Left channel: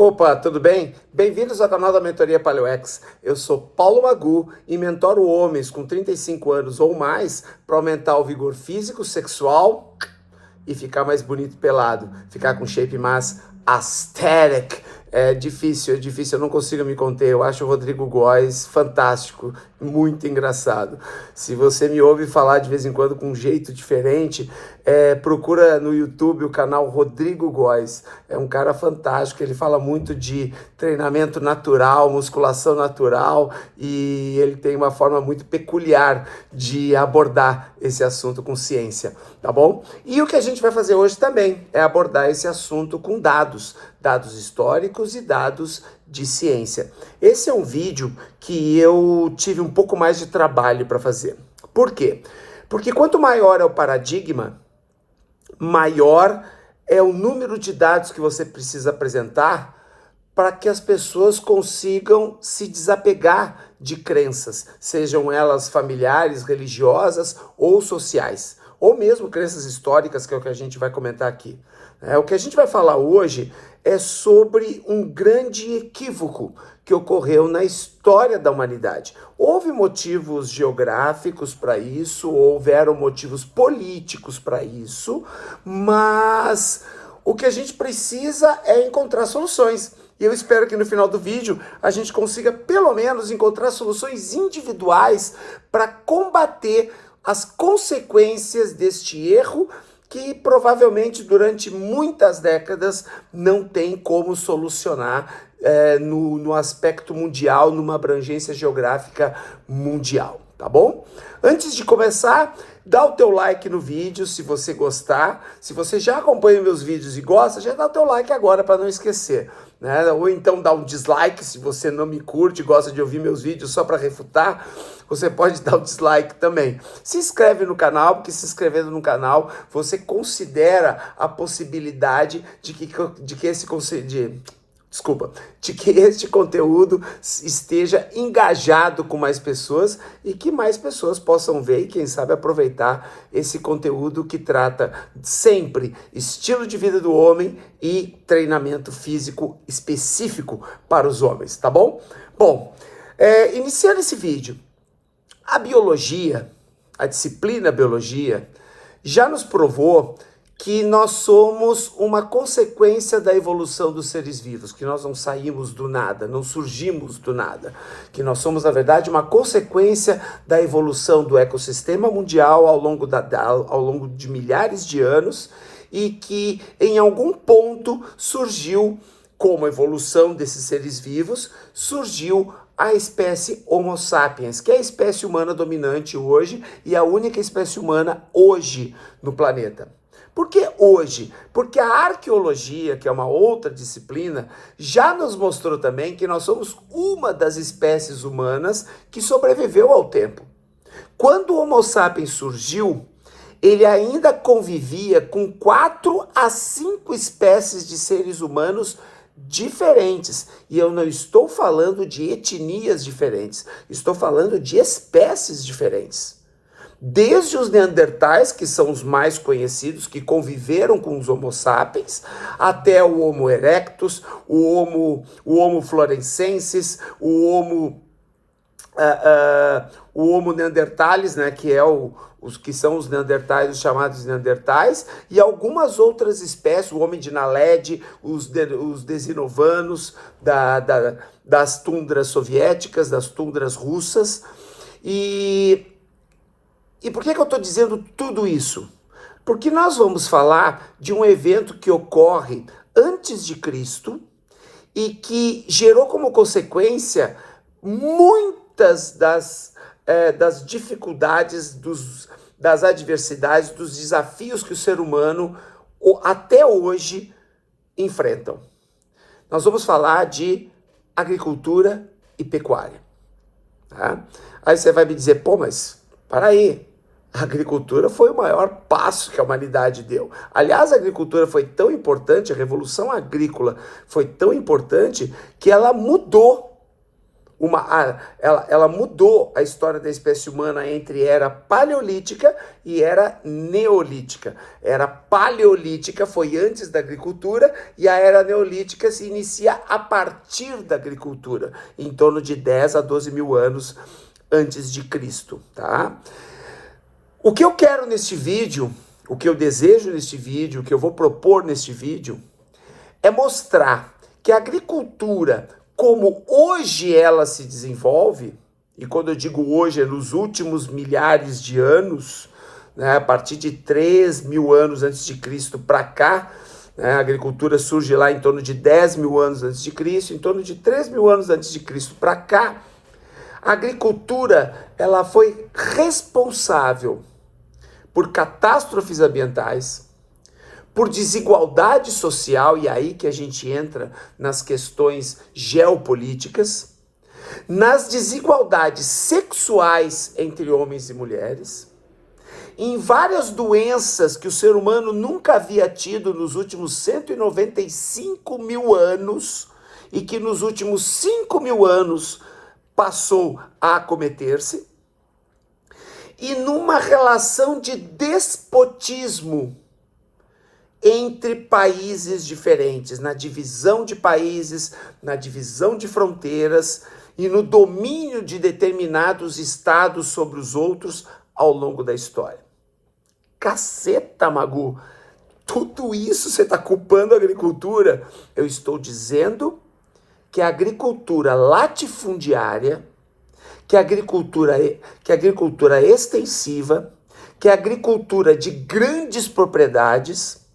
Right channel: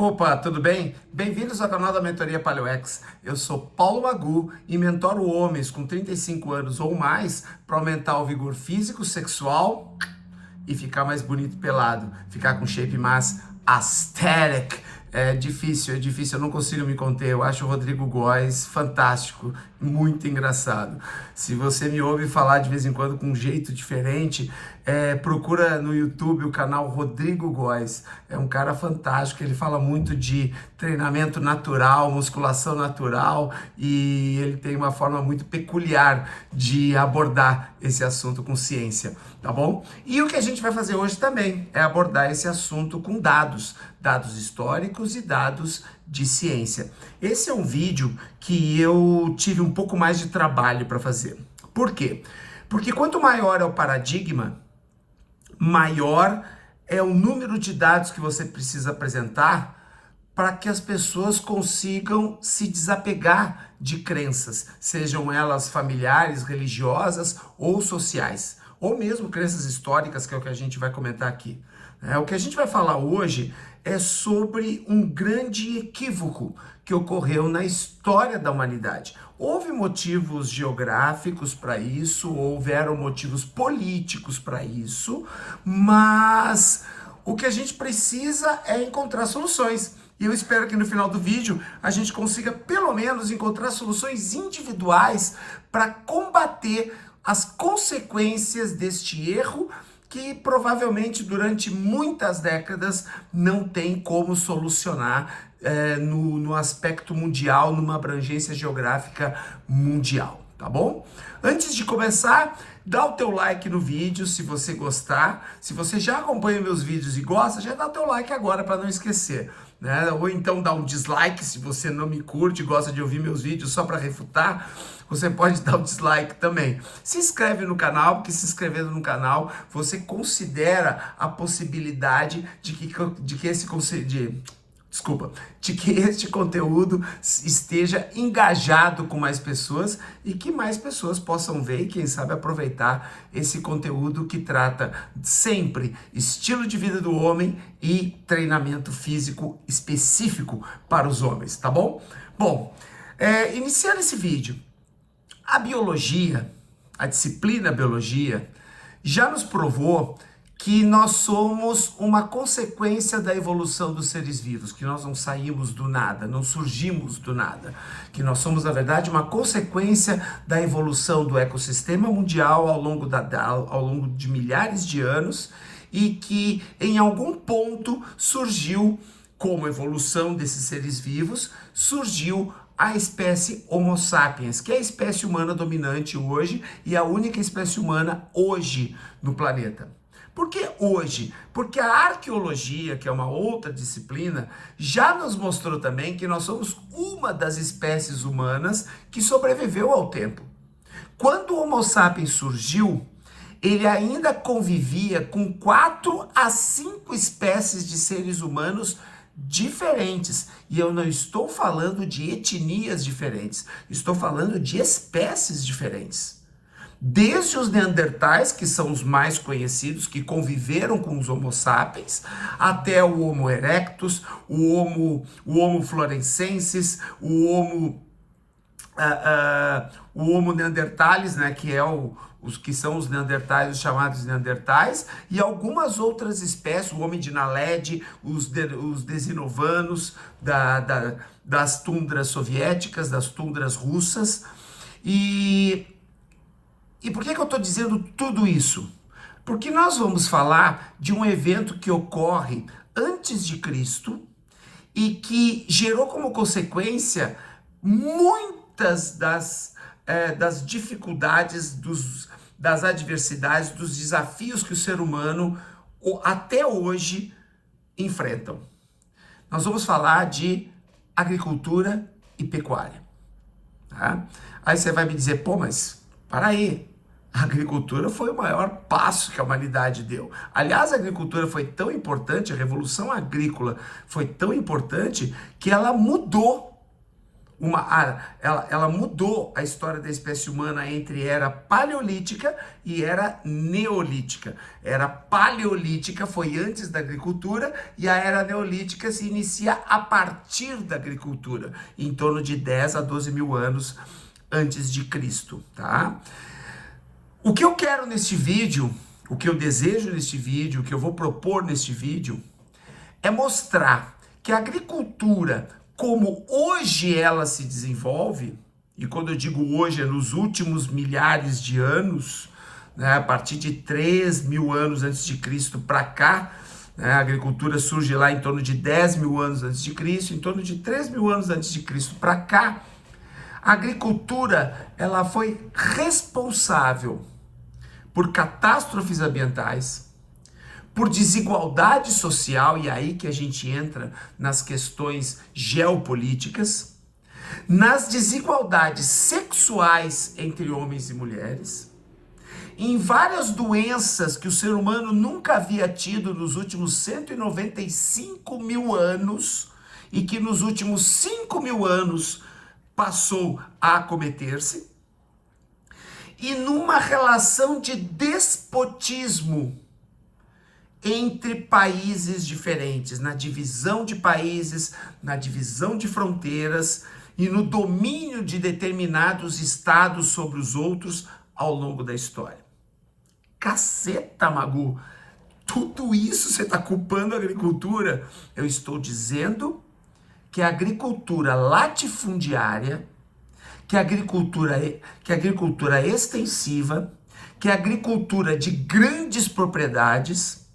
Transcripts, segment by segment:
Opa, tudo bem? Bem-vindos ao canal da Mentoria PaleoX. Eu sou Paulo Magu e mentoro homens com 35 anos ou mais para aumentar o vigor físico, sexual e ficar mais bonito pelado, ficar com shape mais aesthetic. É difícil, eu não consigo me conter. Eu acho o Rodrigo Góes fantástico, muito engraçado. Se você me ouve falar de vez em quando com um jeito diferente, procura no YouTube o canal Rodrigo Góes. É um cara fantástico, ele fala muito de treinamento natural, musculação natural, e ele tem uma forma muito peculiar de abordar esse assunto com ciência, tá bom? E o que a gente vai fazer hoje também é abordar esse assunto com dados históricos e dados de ciência. Esse é um vídeo que eu tive um pouco mais de trabalho para fazer. Por quê? Porque quanto maior é o paradigma, maior é o número de dados que você precisa apresentar para que as pessoas consigam se desapegar de crenças, sejam elas familiares, religiosas ou sociais, ou mesmo crenças históricas, que é o que a gente vai comentar aqui. O que a gente vai falar hoje é sobre um grande equívoco que ocorreu na história da humanidade. Houve motivos geográficos para isso, houveram motivos políticos para isso, mas o que a gente precisa é encontrar soluções. E eu espero que no final do vídeo a gente consiga pelo menos encontrar soluções individuais para combater as consequências deste erro que provavelmente durante muitas décadas não tem como solucionar no aspecto mundial, numa abrangência geográfica mundial, tá bom? Antes de começar, dá o teu like no vídeo se você gostar. Se você já acompanha meus vídeos e gosta, já dá o teu like agora para não esquecer, né? Ou então dá um dislike se você não me curte e gosta de ouvir meus vídeos só para refutar, você pode dar o dislike também. Se inscreve no canal, porque se inscrevendo no canal, você considera a possibilidade de que este conteúdo esteja engajado com mais pessoas e que mais pessoas possam ver e, quem sabe, aproveitar esse conteúdo que trata sempre estilo de vida do homem e treinamento físico específico para os homens, tá bom? Bom, iniciando esse vídeo, a biologia, a disciplina biologia, já nos provou que nós somos uma consequência da evolução dos seres vivos, que nós não saímos do nada, não surgimos do nada, que nós somos, na verdade, uma consequência da evolução do ecossistema mundial ao longo de milhares de anos e que, em algum ponto, surgiu, como evolução desses seres vivos, surgiu a espécie Homo sapiens, que é a espécie humana dominante hoje e a única espécie humana hoje no planeta. Por que hoje? Porque a arqueologia, que é uma outra disciplina, já nos mostrou também que nós somos uma das espécies humanas que sobreviveu ao tempo. Quando o Homo sapiens surgiu, ele ainda convivia com 4 a 5 espécies de seres humanos diferentes. E eu não estou falando de etnias diferentes, estou falando de espécies diferentes. Desde os neandertais, que são os mais conhecidos, que conviveram com os Homo sapiens, até o Homo erectus, o Homo florensensis, o Homo neanderthalis, né, que é os que são os neandertais, os chamados neandertais, e algumas outras espécies, o homem de Naledi, os desinovanos das tundras soviéticas, das tundras russas. E por que eu estou dizendo tudo isso? Porque nós vamos falar de um evento que ocorre antes de Cristo e que gerou como consequência muitas das dificuldades, das adversidades, dos desafios que o ser humano até hoje enfrentam. Nós vamos falar de agricultura e pecuária. Tá? Aí você vai me dizer, pô, mas para aí, a agricultura foi o maior passo que a humanidade deu. Aliás, a agricultura foi tão importante, a revolução agrícola foi tão importante que ela mudou ela mudou a história da espécie humana entre era paleolítica e era neolítica. Era paleolítica foi antes da agricultura e a era neolítica se inicia a partir da agricultura, em torno de 10 a 12 mil anos antes de Cristo, tá? O que eu quero neste vídeo, o que eu desejo neste vídeo, o que eu vou propor neste vídeo, é mostrar que a agricultura, como hoje ela se desenvolve, e quando eu digo hoje é nos últimos milhares de anos, né, a partir de 3 mil anos antes de Cristo para cá, né, a agricultura surge lá em torno de 10 mil anos antes de Cristo, em torno de 3 mil anos antes de Cristo para cá, a agricultura ela foi responsável por catástrofes ambientais, por desigualdade social, e aí que a gente entra nas questões geopolíticas, nas desigualdades sexuais entre homens e mulheres, em várias doenças que o ser humano nunca havia tido nos últimos 195 mil anos e que nos últimos 5 mil anos passou a acometer-se, e numa relação de despotismo entre países diferentes, na divisão de países, na divisão de fronteiras e no domínio de determinados estados sobre os outros ao longo da história. Caceta, Magu! Tudo isso você está culpando a agricultura? Eu estou dizendo que a agricultura latifundiária, que a agricultura extensiva, que a agricultura de grandes propriedades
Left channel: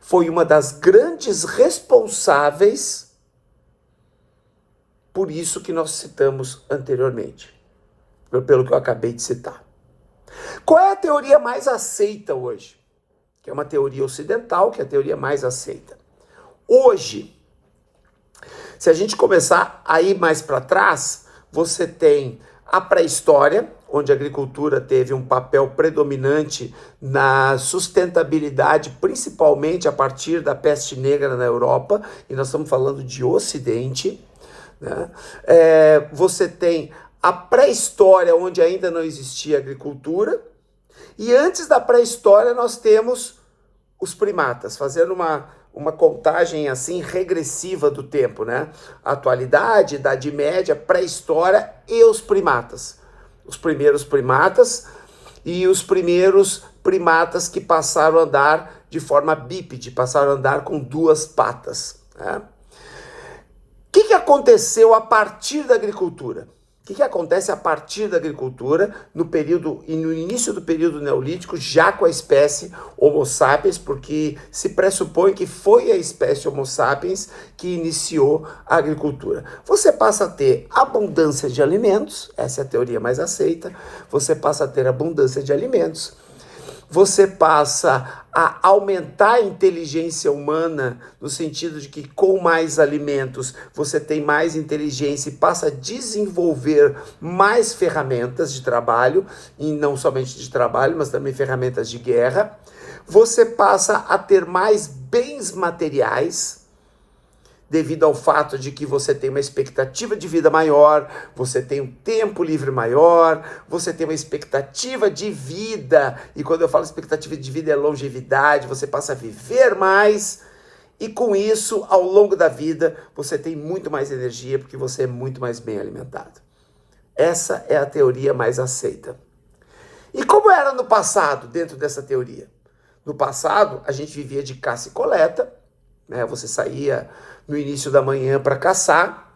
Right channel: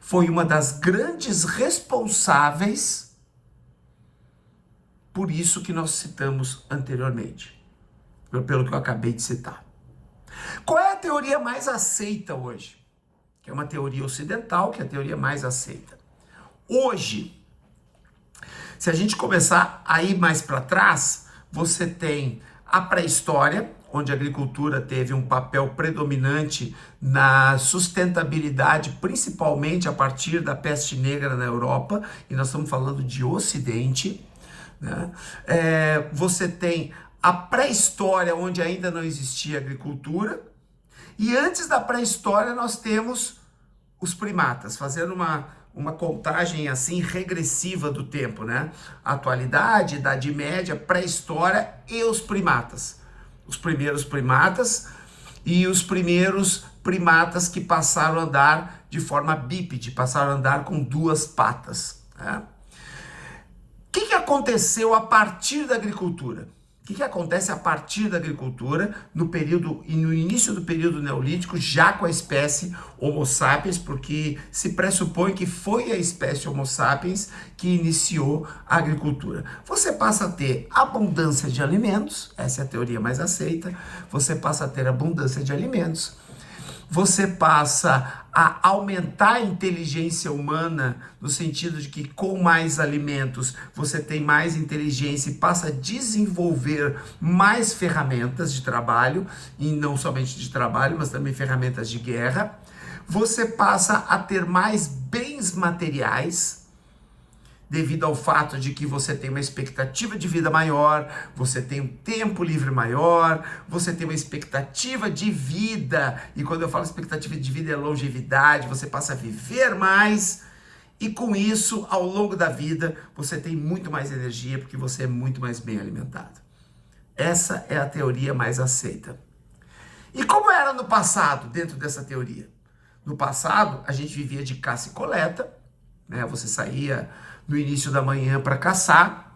foi uma das grandes responsáveis por isso que nós citamos anteriormente, pelo que eu acabei de citar. Qual é a teoria mais aceita hoje? Que é uma teoria ocidental, que é a teoria mais aceita. Hoje, se a gente começar a ir mais para trás, você tem a pré-história, onde a agricultura teve um papel predominante na sustentabilidade, principalmente a partir da peste negra na Europa, e nós estamos falando de Ocidente, né? Você tem a pré-história, onde ainda não existia agricultura, e antes da pré-história nós temos os primatas, fazendo uma contagem assim regressiva do tempo, né? Atualidade, Idade Média, pré-história e os primatas. Os primeiros primatas e os primeiros primatas que passaram a andar de forma bípede, passaram a andar com 2 patas, né? O que aconteceu a partir da agricultura? O que acontece a partir da agricultura no período e no início do período neolítico, já com a espécie Homo sapiens, porque se pressupõe que foi a espécie Homo sapiens que iniciou a agricultura. Você passa a ter abundância de alimentos, essa é a teoria mais aceita, você passa a ter abundância de alimentos, você passa a aumentar a inteligência humana, no sentido de que com mais alimentos você tem mais inteligência e passa a desenvolver mais ferramentas de trabalho, e não somente de trabalho, mas também ferramentas de guerra. Você passa a ter mais bens materiais, devido ao fato de que você tem uma expectativa de vida maior, você tem um tempo livre maior, você tem uma expectativa de vida, e quando eu falo expectativa de vida é longevidade, você passa a viver mais, e com isso, ao longo da vida, você tem muito mais energia, porque você é muito mais bem alimentado. Essa é a teoria mais aceita. E como era no passado, dentro dessa teoria? No passado, a gente vivia de caça e coleta, né? Você saía no início da manhã para caçar,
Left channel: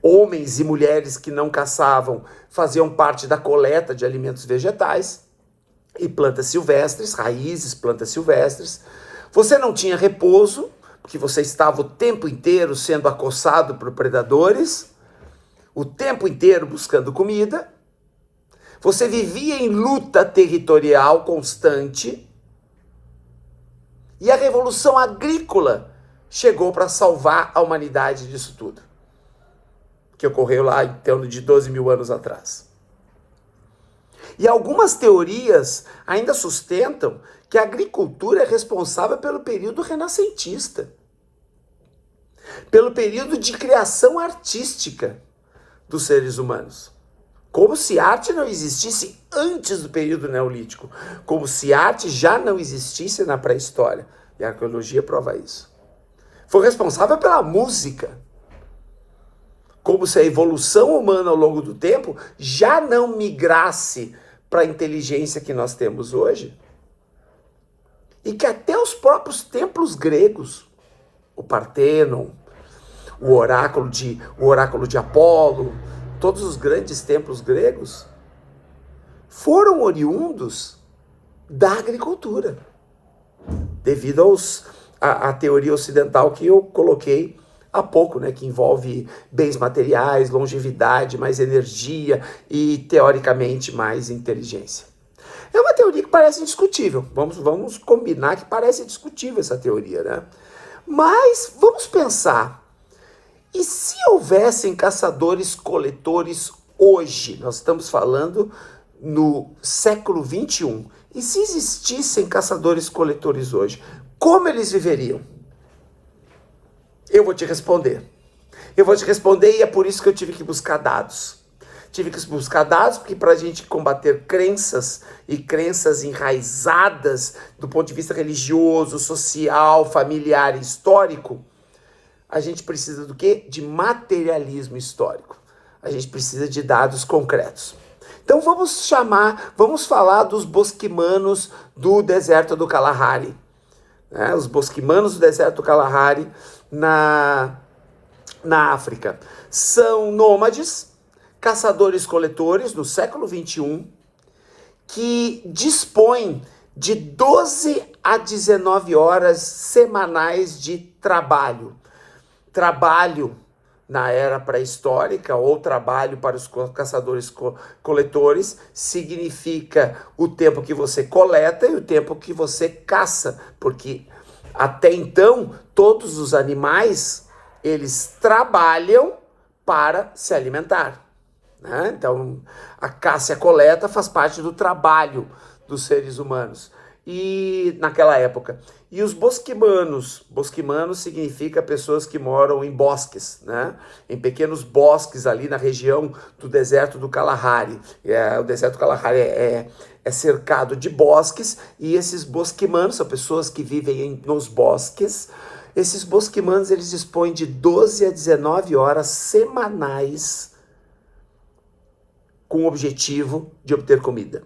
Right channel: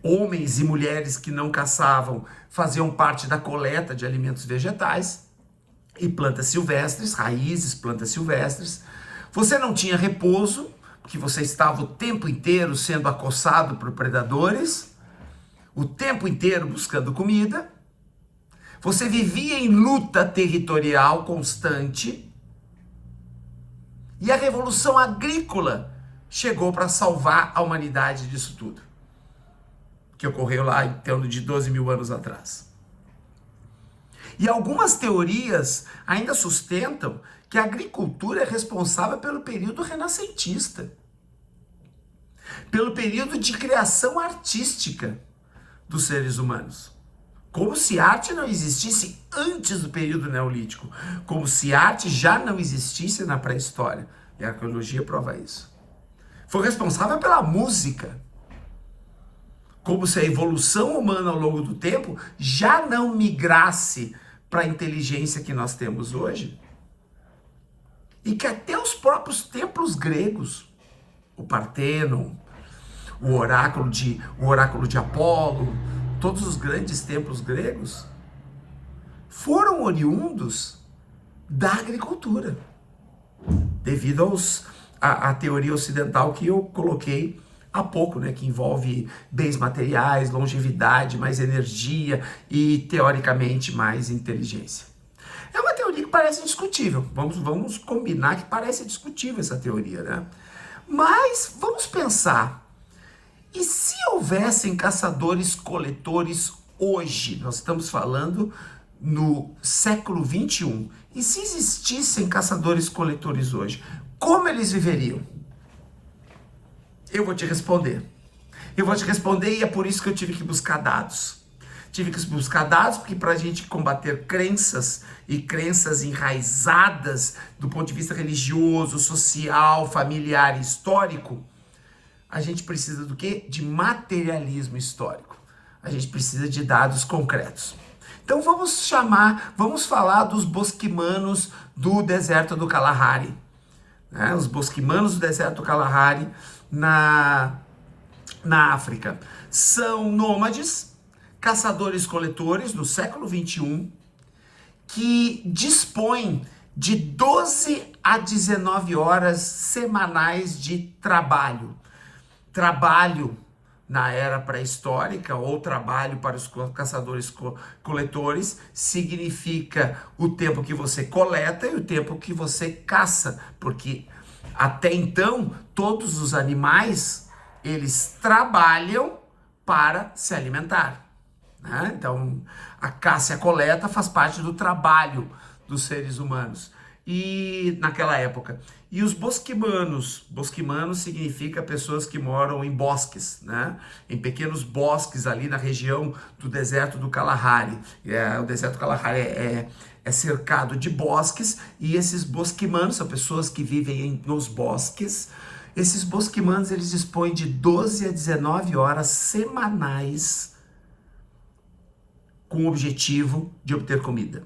homens e mulheres que não caçavam faziam parte da coleta de alimentos vegetais e plantas silvestres, raízes, plantas silvestres. Você não tinha repouso, porque você estava o tempo inteiro sendo acossado por predadores, o tempo inteiro buscando comida. Você vivia em luta territorial constante, e a revolução agrícola chegou para salvar a humanidade disso tudo, que ocorreu lá em torno de 12 mil anos atrás. E algumas teorias ainda sustentam que a agricultura é responsável pelo período renascentista, pelo período de criação artística, dos seres humanos. Como se arte não existisse antes do período neolítico. Como se arte já não existisse na pré-história. E a arqueologia prova isso. Foi responsável pela música. Como se a evolução humana ao longo do tempo já não migrasse para a inteligência que nós temos hoje. E que até os próprios templos gregos, o Partenon, o oráculo de Apolo, todos os grandes templos gregos, foram oriundos da agricultura, devido à teoria ocidental que eu coloquei há pouco, né, que envolve bens materiais, longevidade, mais energia e, teoricamente, mais inteligência. É uma teoria que parece discutível. Vamos combinar que parece discutível essa teoria, né? Mas vamos pensar. E se houvessem caçadores-coletores hoje? Nós estamos falando no século XXI. E se existissem caçadores-coletores hoje? Como eles viveriam? Eu vou te responder. Eu vou te responder e é por isso que eu tive que buscar dados. Tive que buscar dados porque para a gente combater crenças e crenças enraizadas do ponto de vista religioso, social, familiar e histórico, a gente precisa do quê? De materialismo histórico. A gente precisa de dados concretos. Então vamos falar dos bosquimanos do deserto do Kalahari. Né? Os bosquimanos do deserto do Kalahari na África. São nômades, caçadores-coletores do século XXI, que dispõem de 12 a 19 horas semanais de trabalho. Trabalho na era pré-histórica ou trabalho para os caçadores-coletores significa o tempo que você coleta e o tempo que você caça, porque até então todos os animais eles trabalham para se alimentar, né? Então a caça e a coleta faz parte do trabalho dos seres humanos e naquela época. E os bosquimanos significa pessoas que moram em bosques, né? Em pequenos bosques ali na região do deserto do Kalahari. O deserto do Kalahari é cercado de bosques e esses bosquimanos são pessoas que vivem nos bosques. Esses bosquimanos eles dispõem de 12 a 19 horas semanais com o objetivo de obter comida.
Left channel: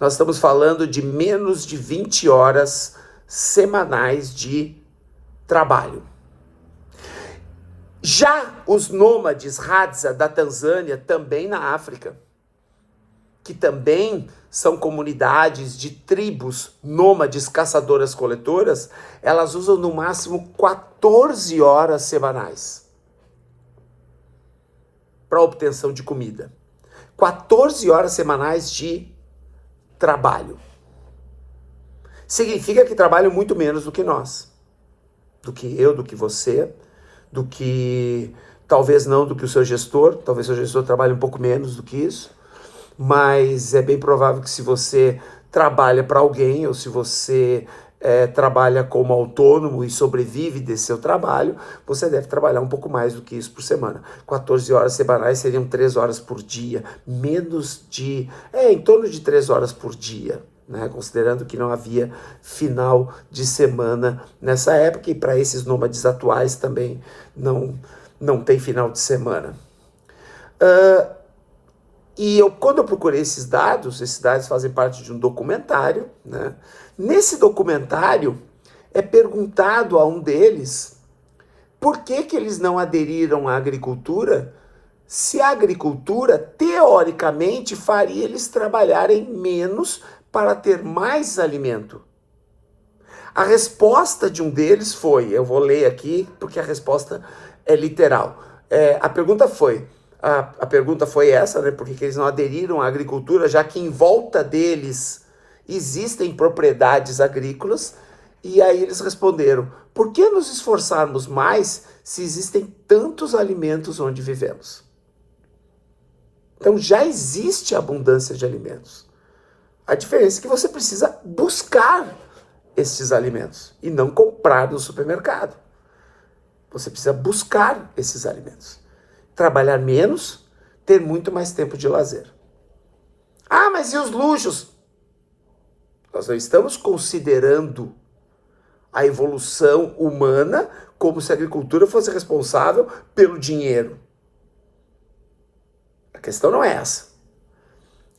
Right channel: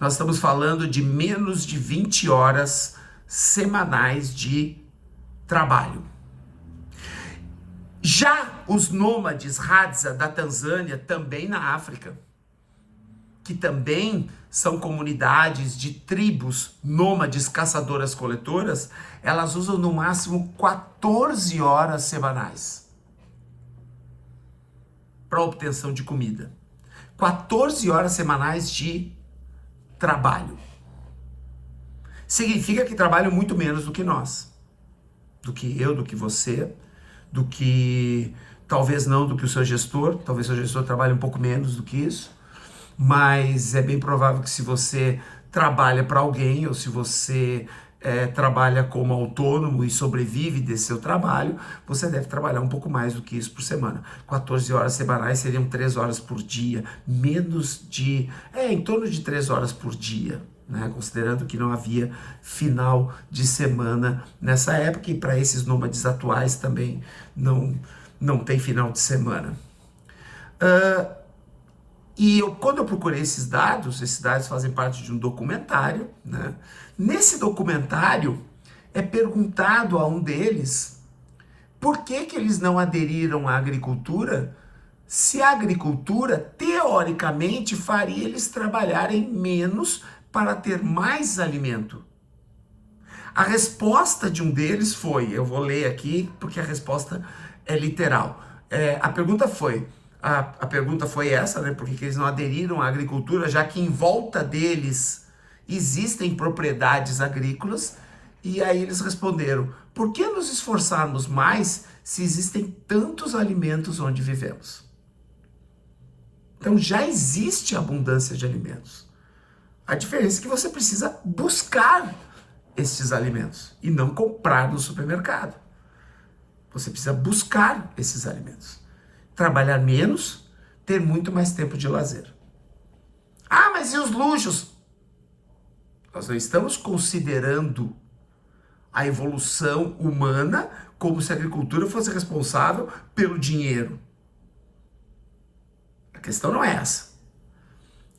Nós estamos falando de menos de 20 horas semanais de trabalho. Já os nômades Hadza da Tanzânia, também na África, que também são comunidades de tribos nômades caçadoras-coletoras, elas usam no máximo 14 horas semanais para obtenção de comida. 14 horas semanais de trabalho. Significa que trabalham muito menos do que nós. Do que eu, do que você, do que talvez não do que o seu gestor. Talvez o seu gestor trabalhe um pouco menos do que isso. Mas é bem provável que se você trabalha para alguém ou se você trabalha como autônomo e sobrevive desse seu trabalho, você deve trabalhar um pouco mais do que isso por semana. 14 horas semanais seriam 3 horas por dia, em torno de 3 horas por dia, né? Considerando que não havia final de semana nessa época e para esses nômades atuais também não tem final de semana. Quando eu procurei esses dados fazem parte de um documentário, né? Nesse documentário é perguntado a um deles por que eles não aderiram à agricultura, se a agricultura, teoricamente, faria eles trabalharem menos para ter mais alimento. A resposta de um deles foi, eu vou ler aqui porque a resposta é literal. A pergunta foi essa, né? Por que eles não aderiram à agricultura, já que em volta deles existem propriedades agrícolas? E aí eles responderam, por que nos esforçarmos mais se existem tantos alimentos onde vivemos? Então já existe abundância de alimentos. A diferença é que você precisa buscar esses alimentos e não comprar no supermercado. Você precisa buscar esses alimentos. trabalhar menos, ter muito mais tempo de lazer. Ah, mas e os luxos? Nós não estamos considerando a evolução humana como se a agricultura fosse responsável pelo dinheiro. A questão não é essa.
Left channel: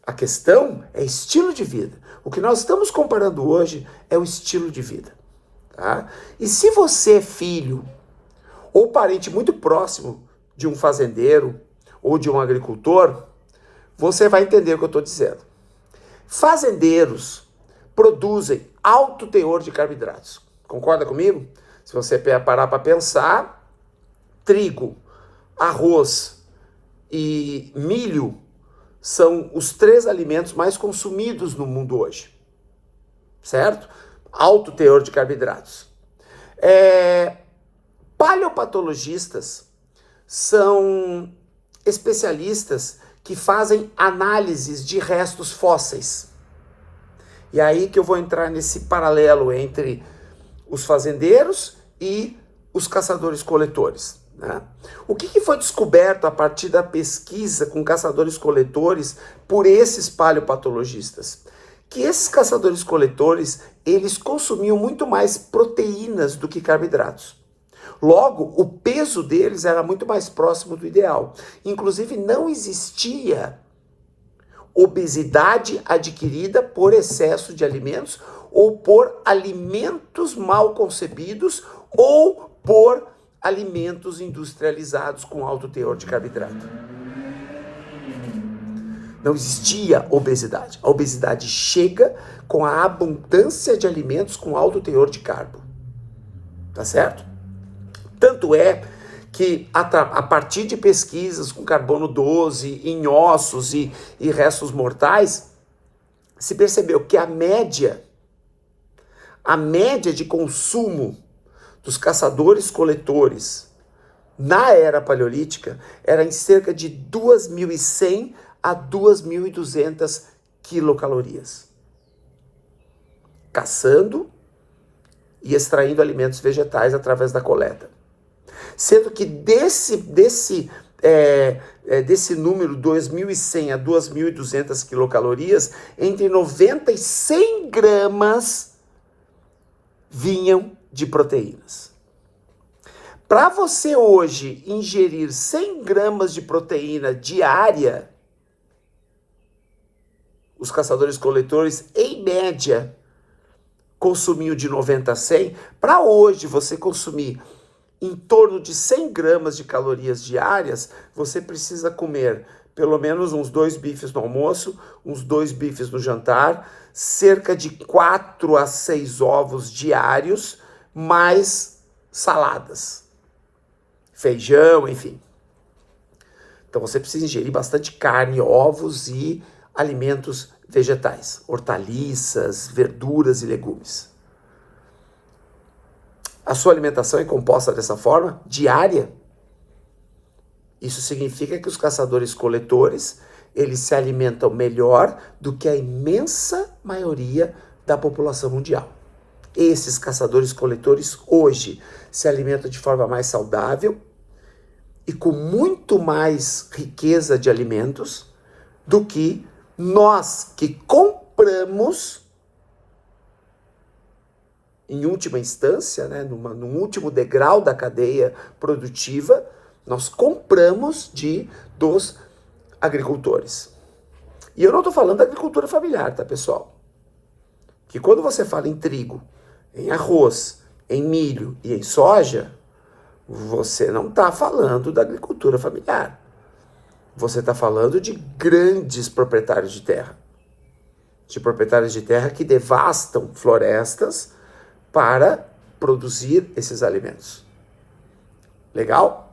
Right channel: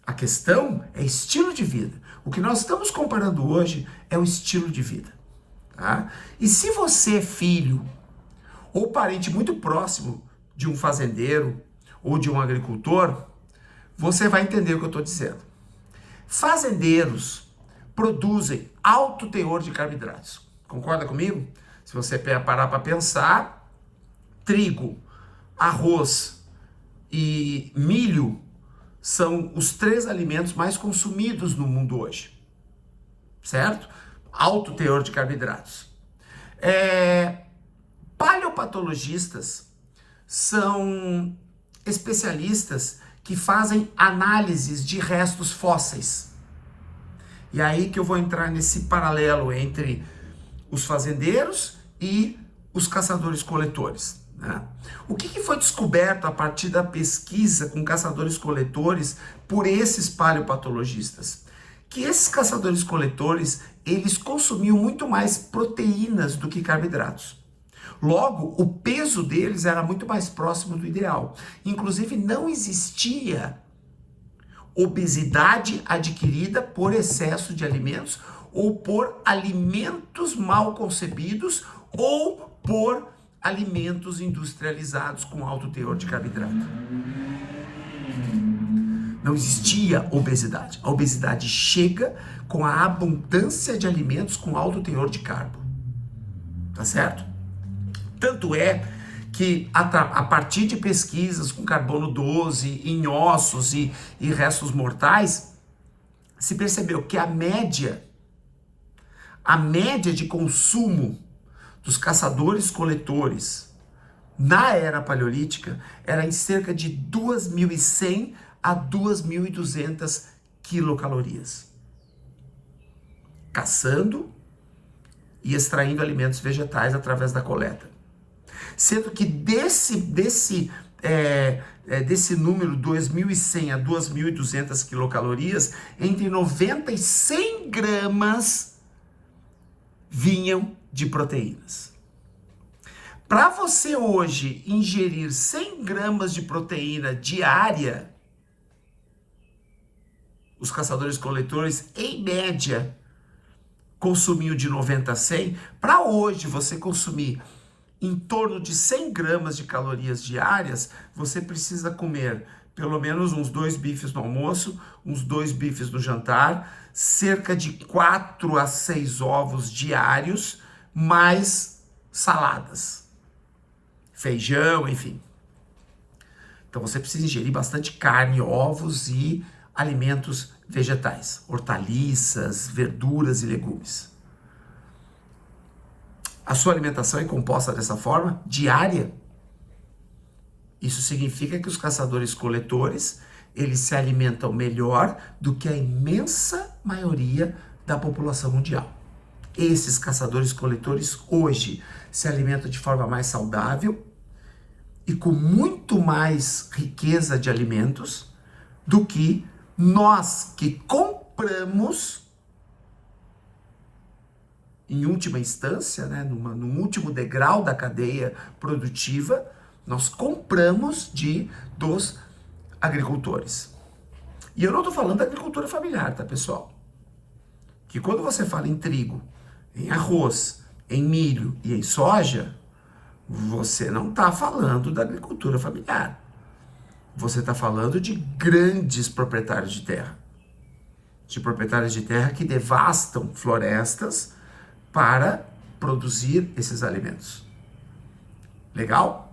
A questão é estilo de vida. O que nós estamos comparando hoje é o estilo de vida. Tá? E se você é filho ou parente muito próximo de um fazendeiro ou de um agricultor, você vai entender o que eu estou dizendo. Fazendeiros produzem alto teor de carboidratos. Concorda comigo? Se você parar para pensar, trigo, arroz e milho são os 3 alimentos mais consumidos no mundo hoje. Certo? Alto teor de carboidratos. Paleopatologistas são especialistas que fazem análises de restos fósseis. E aí que eu vou entrar nesse paralelo entre os fazendeiros e os caçadores-coletores. Né? O que foi descoberto a partir da pesquisa com caçadores-coletores por esses paleopatologistas? Que esses caçadores-coletores, eles consumiam muito mais proteínas do que carboidratos. Logo, o peso deles era muito mais próximo do ideal. Inclusive, não existia obesidade adquirida por excesso de alimentos ou por alimentos mal concebidos ou por alimentos industrializados com alto teor de carboidrato. Não existia obesidade. A obesidade chega com a abundância de alimentos com alto teor de carbo. Tá certo? Tanto é que a partir de pesquisas com carbono 12 em ossos e restos mortais, se percebeu que a média de consumo dos caçadores-coletores na era paleolítica era em cerca de 2.100 a 2.200 quilocalorias. Caçando e extraindo alimentos vegetais através da coleta. Sendo que desse número, 2.100 a 2.200 quilocalorias, entre 90 e 100 gramas vinham de proteínas. Para você hoje ingerir 100 gramas de proteína diária, os caçadores-coletores, em média, consumiam de 90 a 100. Para hoje você consumir em torno de 100 gramas de calorias diárias, você precisa comer pelo menos uns 2 bifes no almoço, uns 2 bifes no jantar, cerca de 4 a 6 ovos diários, mais saladas, feijão, enfim. Então você precisa ingerir bastante carne, ovos e alimentos vegetais, hortaliças, verduras e legumes. A sua alimentação é composta dessa forma, diária. Isso significa que os caçadores-coletores, eles se alimentam melhor do que a imensa maioria da população mundial. Esses caçadores-coletores hoje se alimentam de forma mais saudável e com muito mais riqueza de alimentos do que nós que compramos, em última instância, né, num último degrau da cadeia produtiva, nós compramos dos agricultores. E eu não estou falando da agricultura familiar, tá, pessoal? Que quando você fala em trigo, em arroz, em milho e em soja, você não está falando da agricultura familiar. Você está falando de grandes proprietários de terra. De proprietários de terra que devastam florestas para produzir esses alimentos. Legal?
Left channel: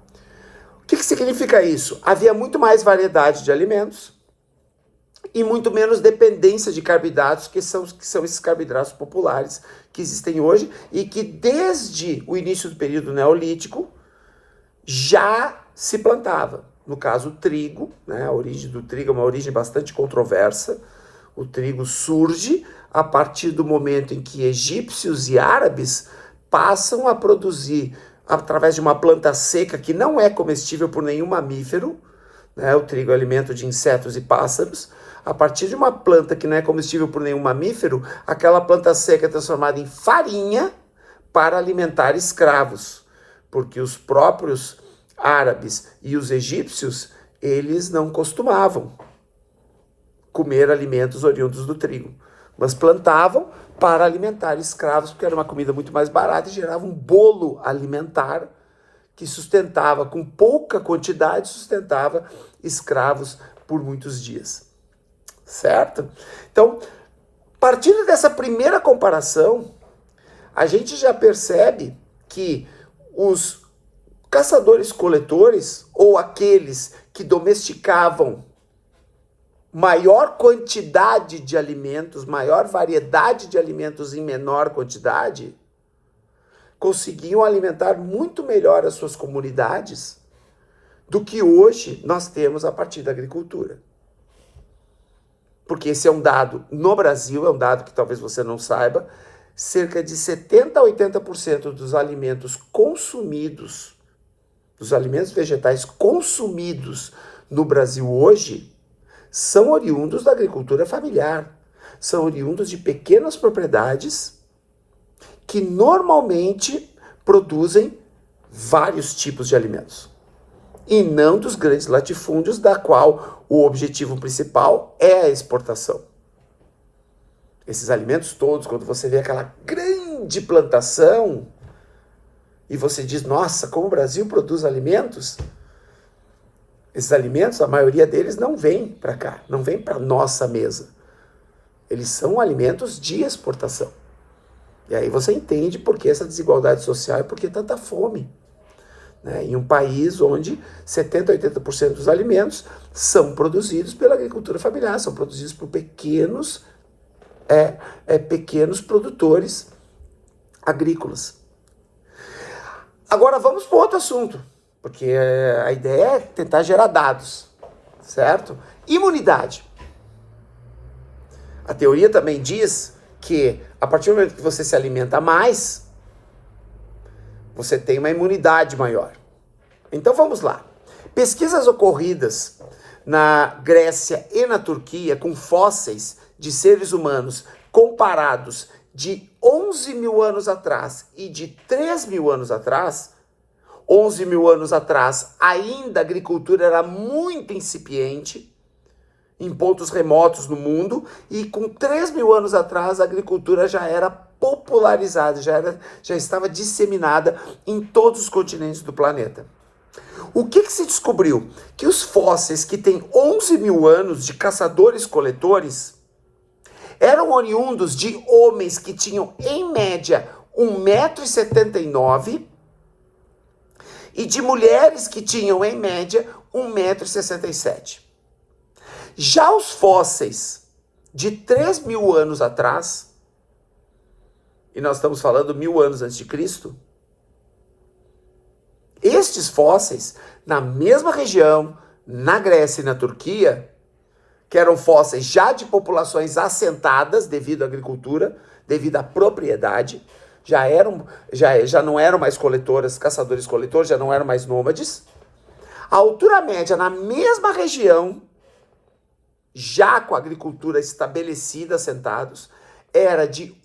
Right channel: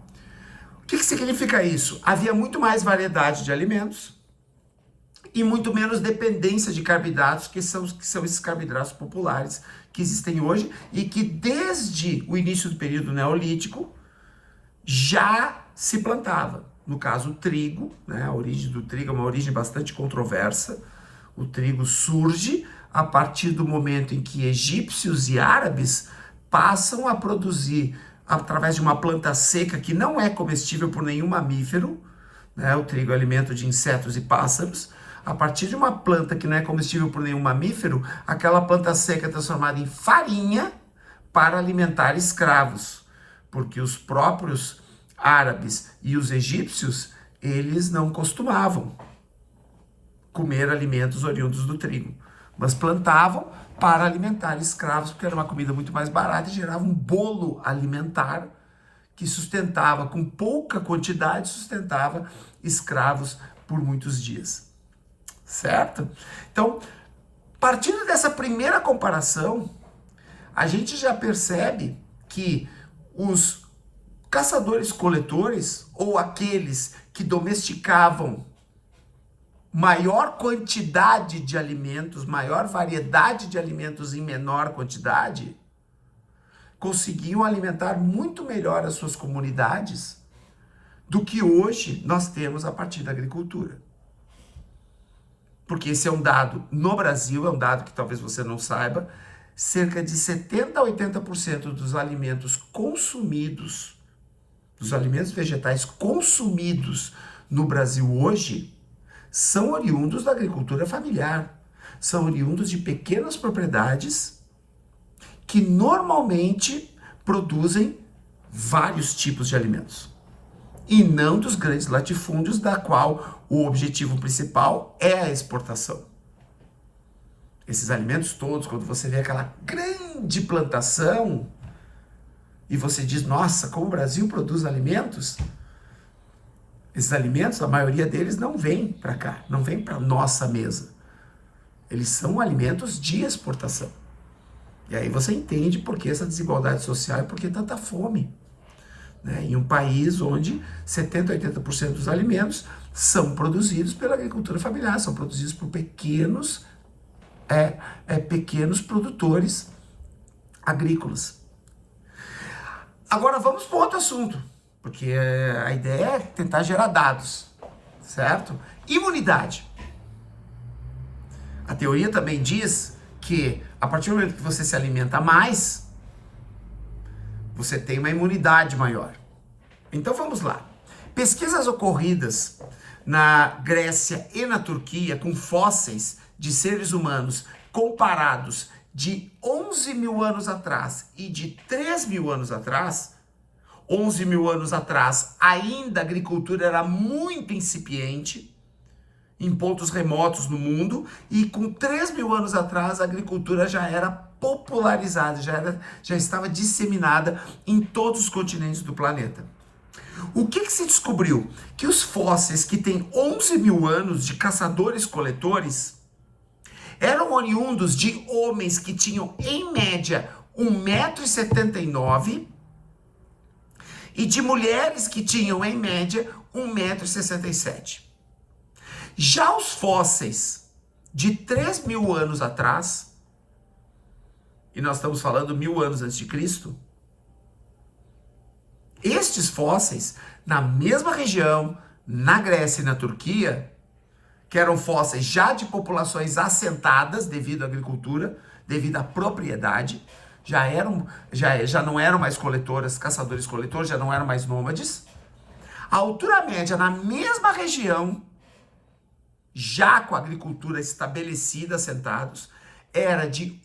O que significa isso? Havia muito mais variedade de alimentos e muito menos dependência de carboidratos, que são esses carboidratos populares que existem hoje e que desde o início do período neolítico já se plantava. No caso, o trigo, né? A origem do trigo é uma origem bastante controversa. O trigo surge a partir do momento em que egípcios e árabes passam a produzir através de uma planta seca que não é comestível por nenhum mamífero, né? O trigo é alimento de insetos e pássaros. A partir de uma planta que não é comestível por nenhum mamífero, aquela planta seca é transformada em farinha para alimentar escravos, porque os próprios árabes e os egípcios, eles não costumavam comer alimentos oriundos do trigo, mas plantavam para alimentar escravos, porque era uma comida muito mais barata e gerava um bolo alimentar que sustentava, com pouca quantidade, sustentava escravos por muitos dias. Certo? Então, partindo dessa primeira comparação, a gente já percebe que os caçadores-coletores, ou aqueles que domesticavam maior quantidade de alimentos, maior variedade de alimentos em menor quantidade, conseguiam alimentar muito melhor as suas comunidades do que hoje nós temos a partir da agricultura. Porque esse é um dado, no Brasil, é um dado que talvez você não saiba, cerca de 70% a 80% dos alimentos consumidos, dos alimentos vegetais consumidos no Brasil hoje, são oriundos da agricultura familiar, são oriundos de pequenas propriedades que normalmente produzem vários tipos de alimentos, e não dos grandes latifúndios, da qual o objetivo principal é a exportação. Esses alimentos todos, quando você vê aquela grande plantação, e você diz, nossa, como o Brasil produz alimentos, esses alimentos, a maioria deles não vem para cá, não vem para nossa mesa. Eles são alimentos de exportação. E aí você entende por que essa desigualdade social e por que tanta fome, né? Em um país onde 70% a 80% dos alimentos são produzidos pela agricultura familiar, são produzidos por pequenos produtores agrícolas. Agora vamos para outro assunto, porque a ideia é tentar gerar dados, certo? Imunidade. A teoria também diz que a partir do momento que você se alimenta mais, você tem uma imunidade maior. Então vamos lá. Pesquisas ocorridas na Grécia e na Turquia com fósseis de seres humanos comparados de 11 mil anos atrás e de 3 mil anos atrás. 11 mil anos atrás ainda a agricultura era muito incipiente em pontos remotos no mundo, e com 3 mil anos atrás a agricultura já era popularizada, já estava disseminada em todos os continentes do planeta. O que se descobriu? Que os fósseis que têm 11 mil anos de caçadores-coletores eram oriundos de homens que tinham, em média, 1,79 m e de mulheres que tinham, em média, 1,67 m. Já os fósseis de 3 mil anos atrás, e nós estamos falando 1000 anos antes de Cristo, estes fósseis, na mesma região, na Grécia e na Turquia, que eram fósseis já de populações assentadas devido à agricultura, devido à propriedade, já não eram mais coletoras, caçadores-coletores, já não eram mais nômades. A altura média na mesma região, já com a agricultura estabelecida, assentados, era de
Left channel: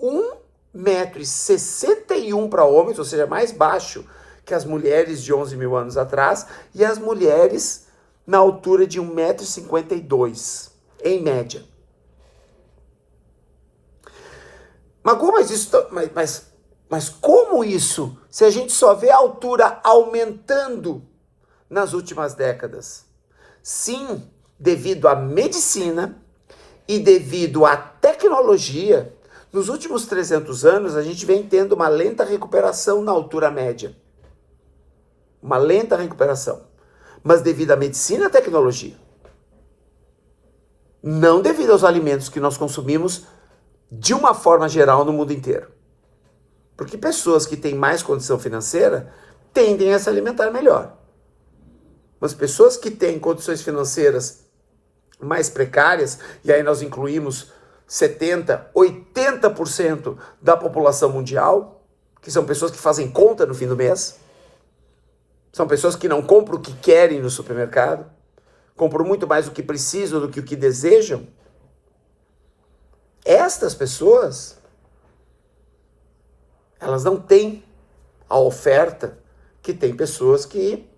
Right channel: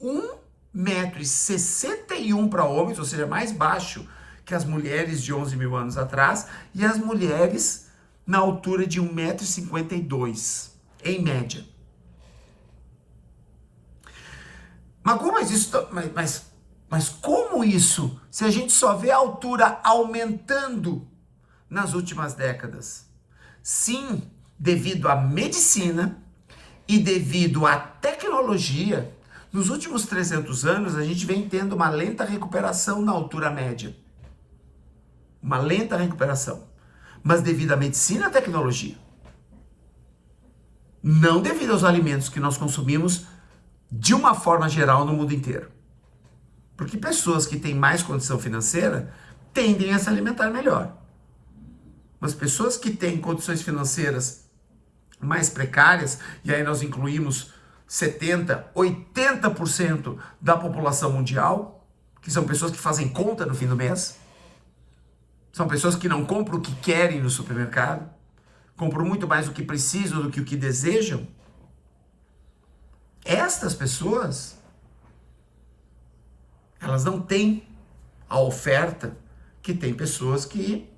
1,61 m para homens, ou seja, mais baixo que as mulheres de 11 mil anos atrás, e as mulheres na altura de 1,52 m, em média. Mas como isso, se a gente só vê a altura aumentando nas últimas décadas? Sim, devido à medicina e devido à tecnologia, nos últimos 300 anos a gente vem tendo uma lenta recuperação na altura média. Uma lenta recuperação. Mas devido à medicina e à tecnologia. Não devido aos alimentos que nós consumimos de uma forma geral no mundo inteiro. Porque pessoas que têm mais condição financeira tendem a se alimentar melhor. Mas pessoas que têm condições financeiras mais precárias, e aí nós incluímos 70%, 80% da população mundial, que são pessoas que fazem conta no fim do mês, São pessoas que não compram o que querem no supermercado, compram muito mais o que precisam do que o que desejam. Estas pessoas, elas não têm a oferta que tem pessoas que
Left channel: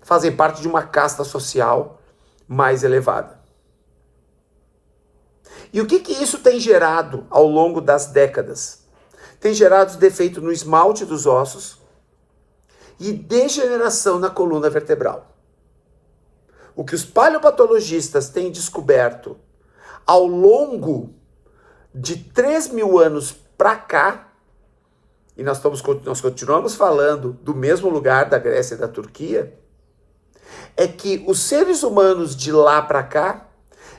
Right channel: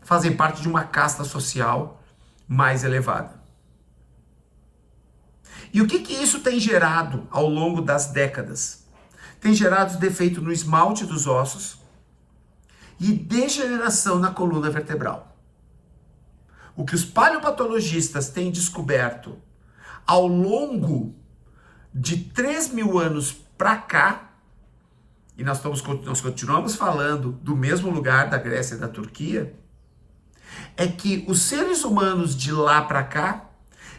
fazem parte de uma casta social mais elevada. E o que isso tem gerado ao longo das décadas? Tem gerado defeito no esmalte dos ossos e degeneração na coluna vertebral. O que os paleopatologistas têm descoberto ao longo de 3.000 anos para cá, e nós continuamos falando do mesmo lugar da Grécia e da Turquia, é que os seres humanos de lá para cá,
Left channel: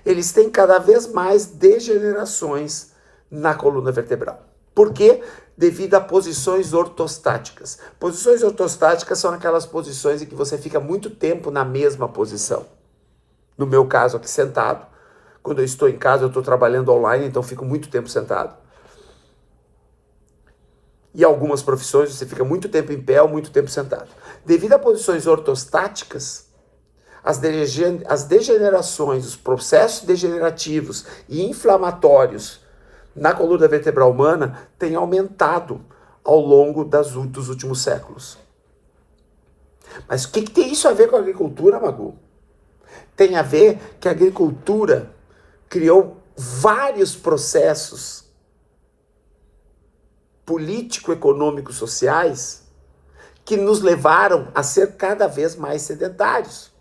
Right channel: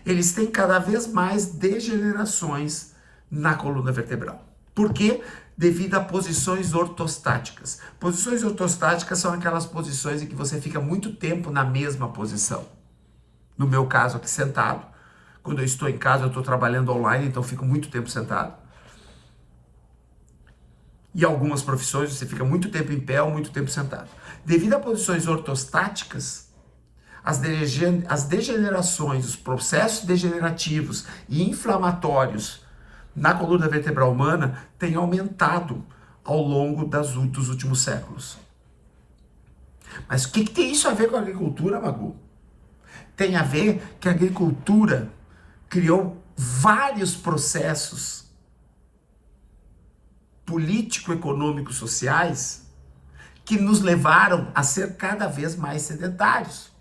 eles têm cada vez mais degenerações na coluna vertebral. Por quê? Devido a posições ortostáticas. Posições ortostáticas são aquelas posições em que você fica muito tempo na mesma posição. No meu caso aqui sentado, quando eu estou em casa eu estou trabalhando online, então fico muito tempo sentado. E algumas profissões você fica muito tempo em pé ou muito tempo sentado. Devido a posições ortostáticas, as degenerações, os processos degenerativos e inflamatórios na coluna vertebral humana têm aumentado ao longo dos últimos séculos. Mas o que tem isso a ver com a agricultura, Magu? Tem a ver que a agricultura criou vários processos político-econômicos sociais que nos levaram a ser cada vez mais sedentários.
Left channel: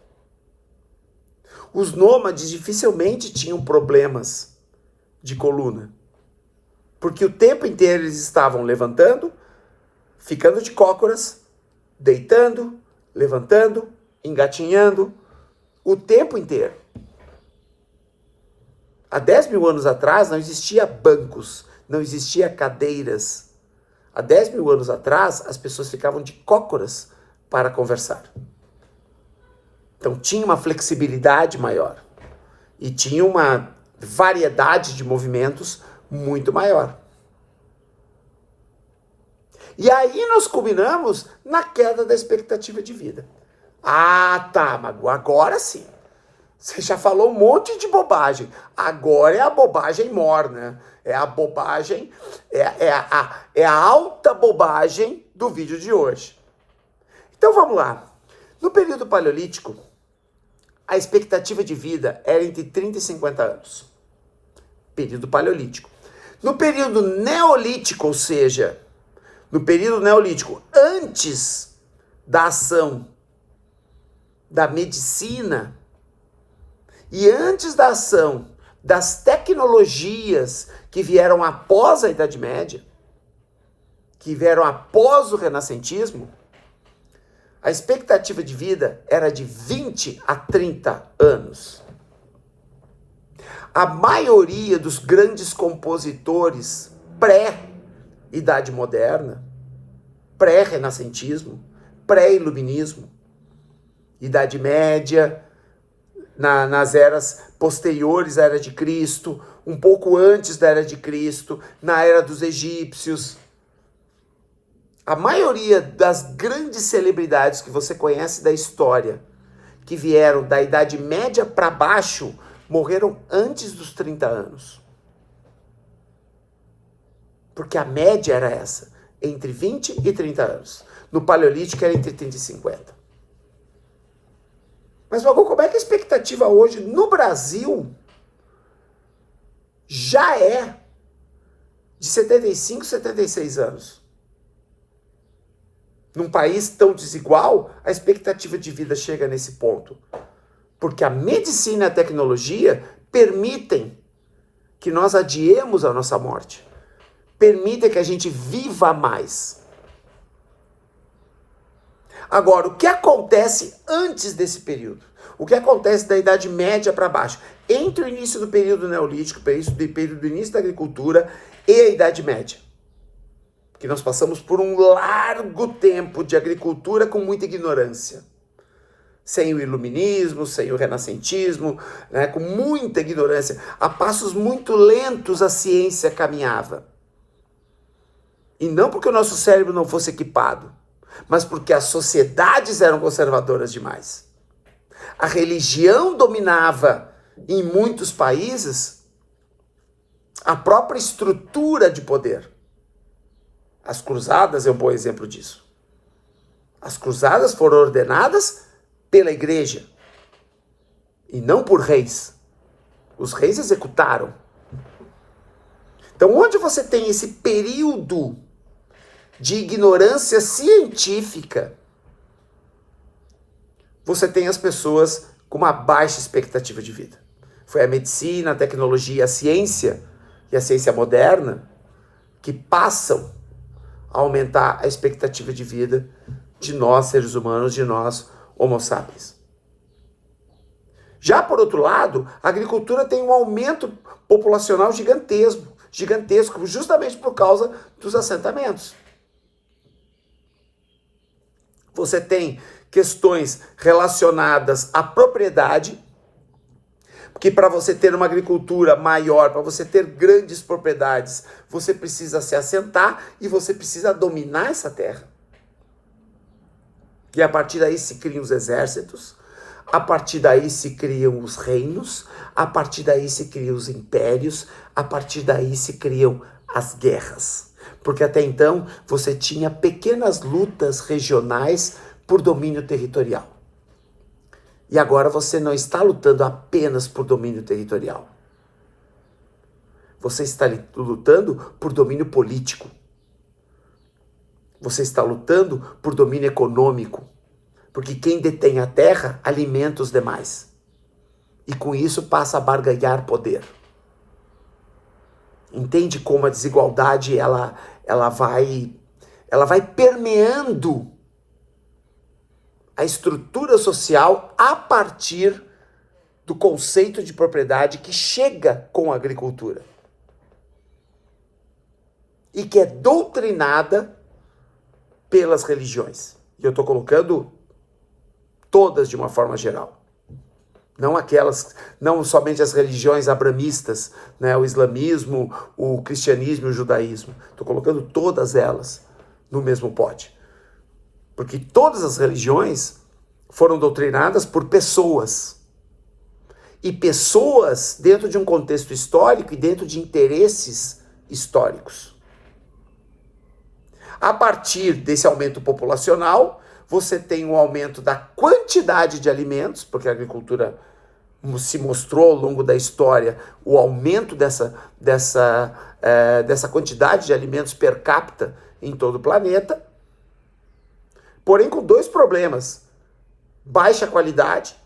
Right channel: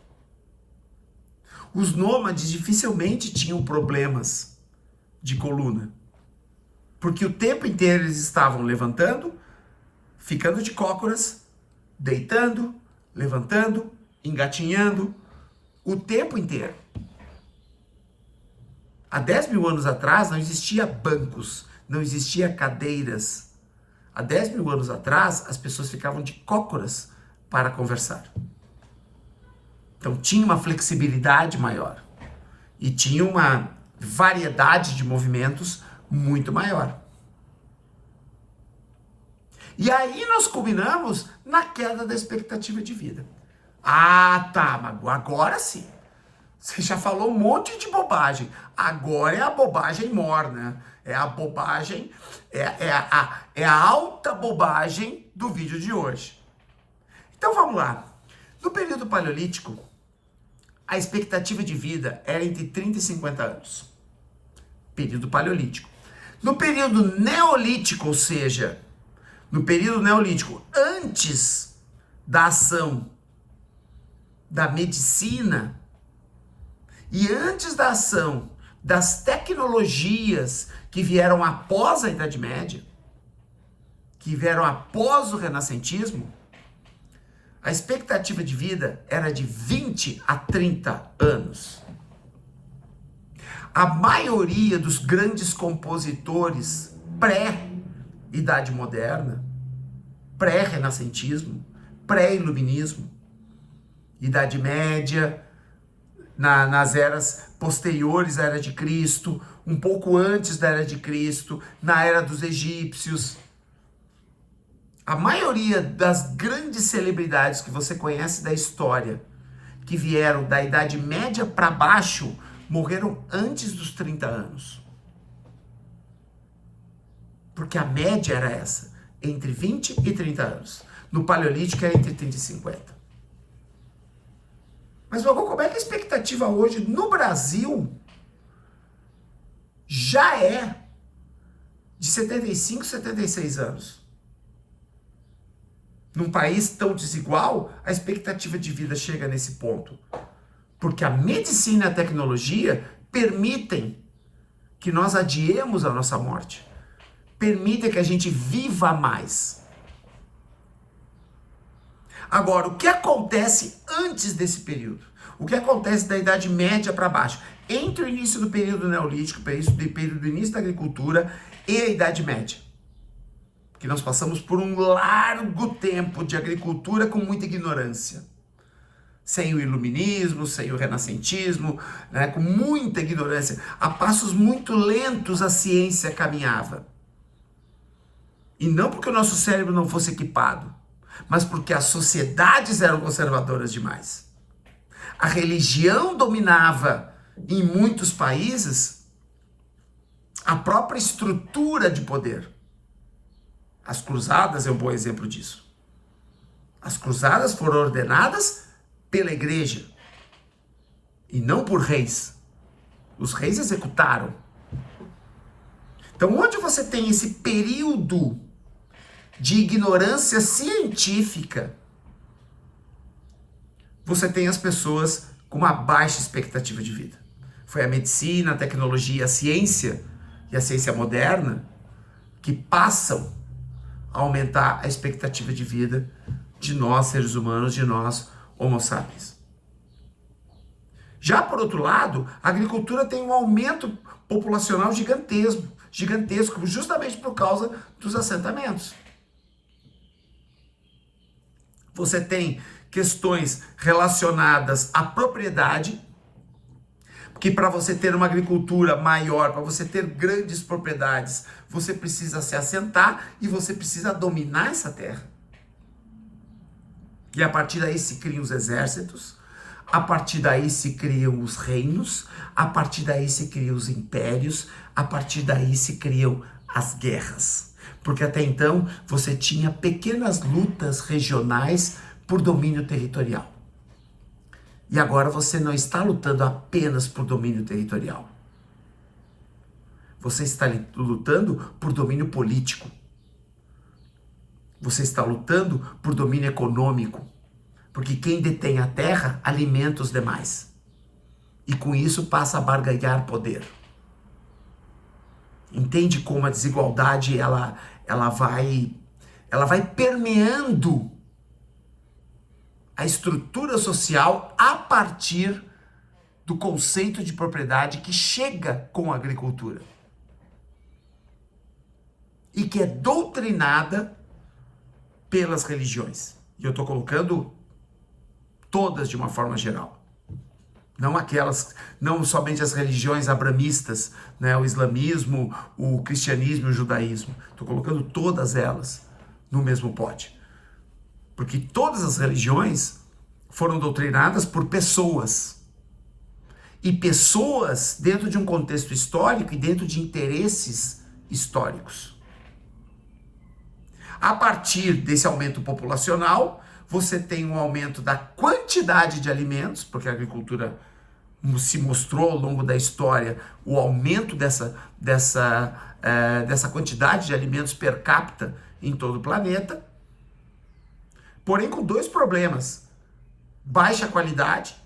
Os nômades dificilmente tinham problemas de coluna, porque o tempo inteiro eles estavam levantando, ficando de cócoras, deitando, levantando, engatinhando, o tempo inteiro. Há 10.000 anos atrás não existia bancos, não existia cadeiras. Há 10.000 anos atrás as pessoas ficavam de cócoras para conversar. Então tinha uma flexibilidade maior e tinha uma variedade de movimentos muito maior. E aí nós culminamos na queda da expectativa de vida. Ah, tá, Magu, agora sim. Você já falou um monte de bobagem. Agora é a bobagem morna. É a bobagem, é a alta bobagem do vídeo de hoje. Então vamos lá. No período paleolítico, a expectativa de vida era entre 30 e 50 anos. Período paleolítico. No período neolítico, ou seja, no período neolítico, antes da ação da medicina e antes da ação das tecnologias que vieram após a Idade Média, que vieram após o renascentismo, a expectativa de vida era de 20 a 30 anos. A maioria dos grandes compositores pré-Idade Moderna, pré-renascentismo, pré-iluminismo, Idade Média, nas eras posteriores à Era de Cristo, um pouco antes da Era de Cristo, na Era dos Egípcios. A maioria das grandes celebridades que você conhece da história, que vieram da Idade Média para baixo, morreram antes dos 30 anos. Porque a média era essa, entre 20 e 30 anos. No Paleolítico era entre 30 e 50. Mas, Magu, como é que a expectativa hoje no Brasil já é de 75, 76 anos? Num país tão desigual, a expectativa de vida chega nesse ponto. Porque a medicina e a tecnologia permitem que nós adiemos a nossa morte. Permitem que a gente viva mais. Agora, o que acontece antes desse período? O que acontece da Idade Média para baixo? Entre o início do período neolítico, período do início da agricultura e a Idade Média. Porque nós passamos por um largo tempo de agricultura com muita ignorância. Sem o iluminismo, sem o renascentismo, né, com muita ignorância. A passos muito lentos a ciência caminhava. E não porque o nosso cérebro não fosse equipado, mas porque as sociedades eram conservadoras demais. A religião dominava em muitos países a própria estrutura de poder. As cruzadas é um bom exemplo disso. As cruzadas foram ordenadas pela igreja e não por reis. Os reis executaram. Então, onde você tem esse período de ignorância científica, você tem as pessoas com uma baixa expectativa de vida. Foi a medicina, a tecnologia, a ciência e a ciência moderna que passam a aumentar a expectativa de vida de nós, seres humanos, de nós, homo sapiens. Já por outro lado, a agricultura tem um aumento populacional gigantesco, justamente por causa dos assentamentos. Você tem questões relacionadas à propriedade, porque para você ter uma agricultura maior, para você ter grandes propriedades, você precisa se assentar e você precisa dominar essa terra. E a partir daí se criam os exércitos, a partir daí se criam os reinos, a partir daí se criam os impérios, a partir daí se criam as guerras. Porque até então você tinha pequenas lutas regionais por domínio territorial. E agora você não está lutando apenas por domínio territorial. Você está lutando por domínio político. Você está lutando por domínio econômico. Porque quem detém a terra alimenta os demais. E com isso passa a barganhar poder. Entende como a desigualdade ela vai permeando a estrutura social a partir do conceito de propriedade que chega com a agricultura. E que é doutrinada pelas religiões. E eu estou colocando todas de uma forma geral. Não somente as religiões abramistas, né, o islamismo, o cristianismo e o judaísmo. Estou colocando todas elas no mesmo pote. Porque todas as religiões foram doutrinadas por pessoas. E pessoas dentro de um contexto histórico e dentro de interesses históricos. A partir desse aumento populacional, você tem um aumento da quantidade de alimentos, porque a agricultura se mostrou ao longo da história o aumento dessa quantidade de alimentos per capita em todo o planeta. Porém, com dois problemas. Baixa qualidade,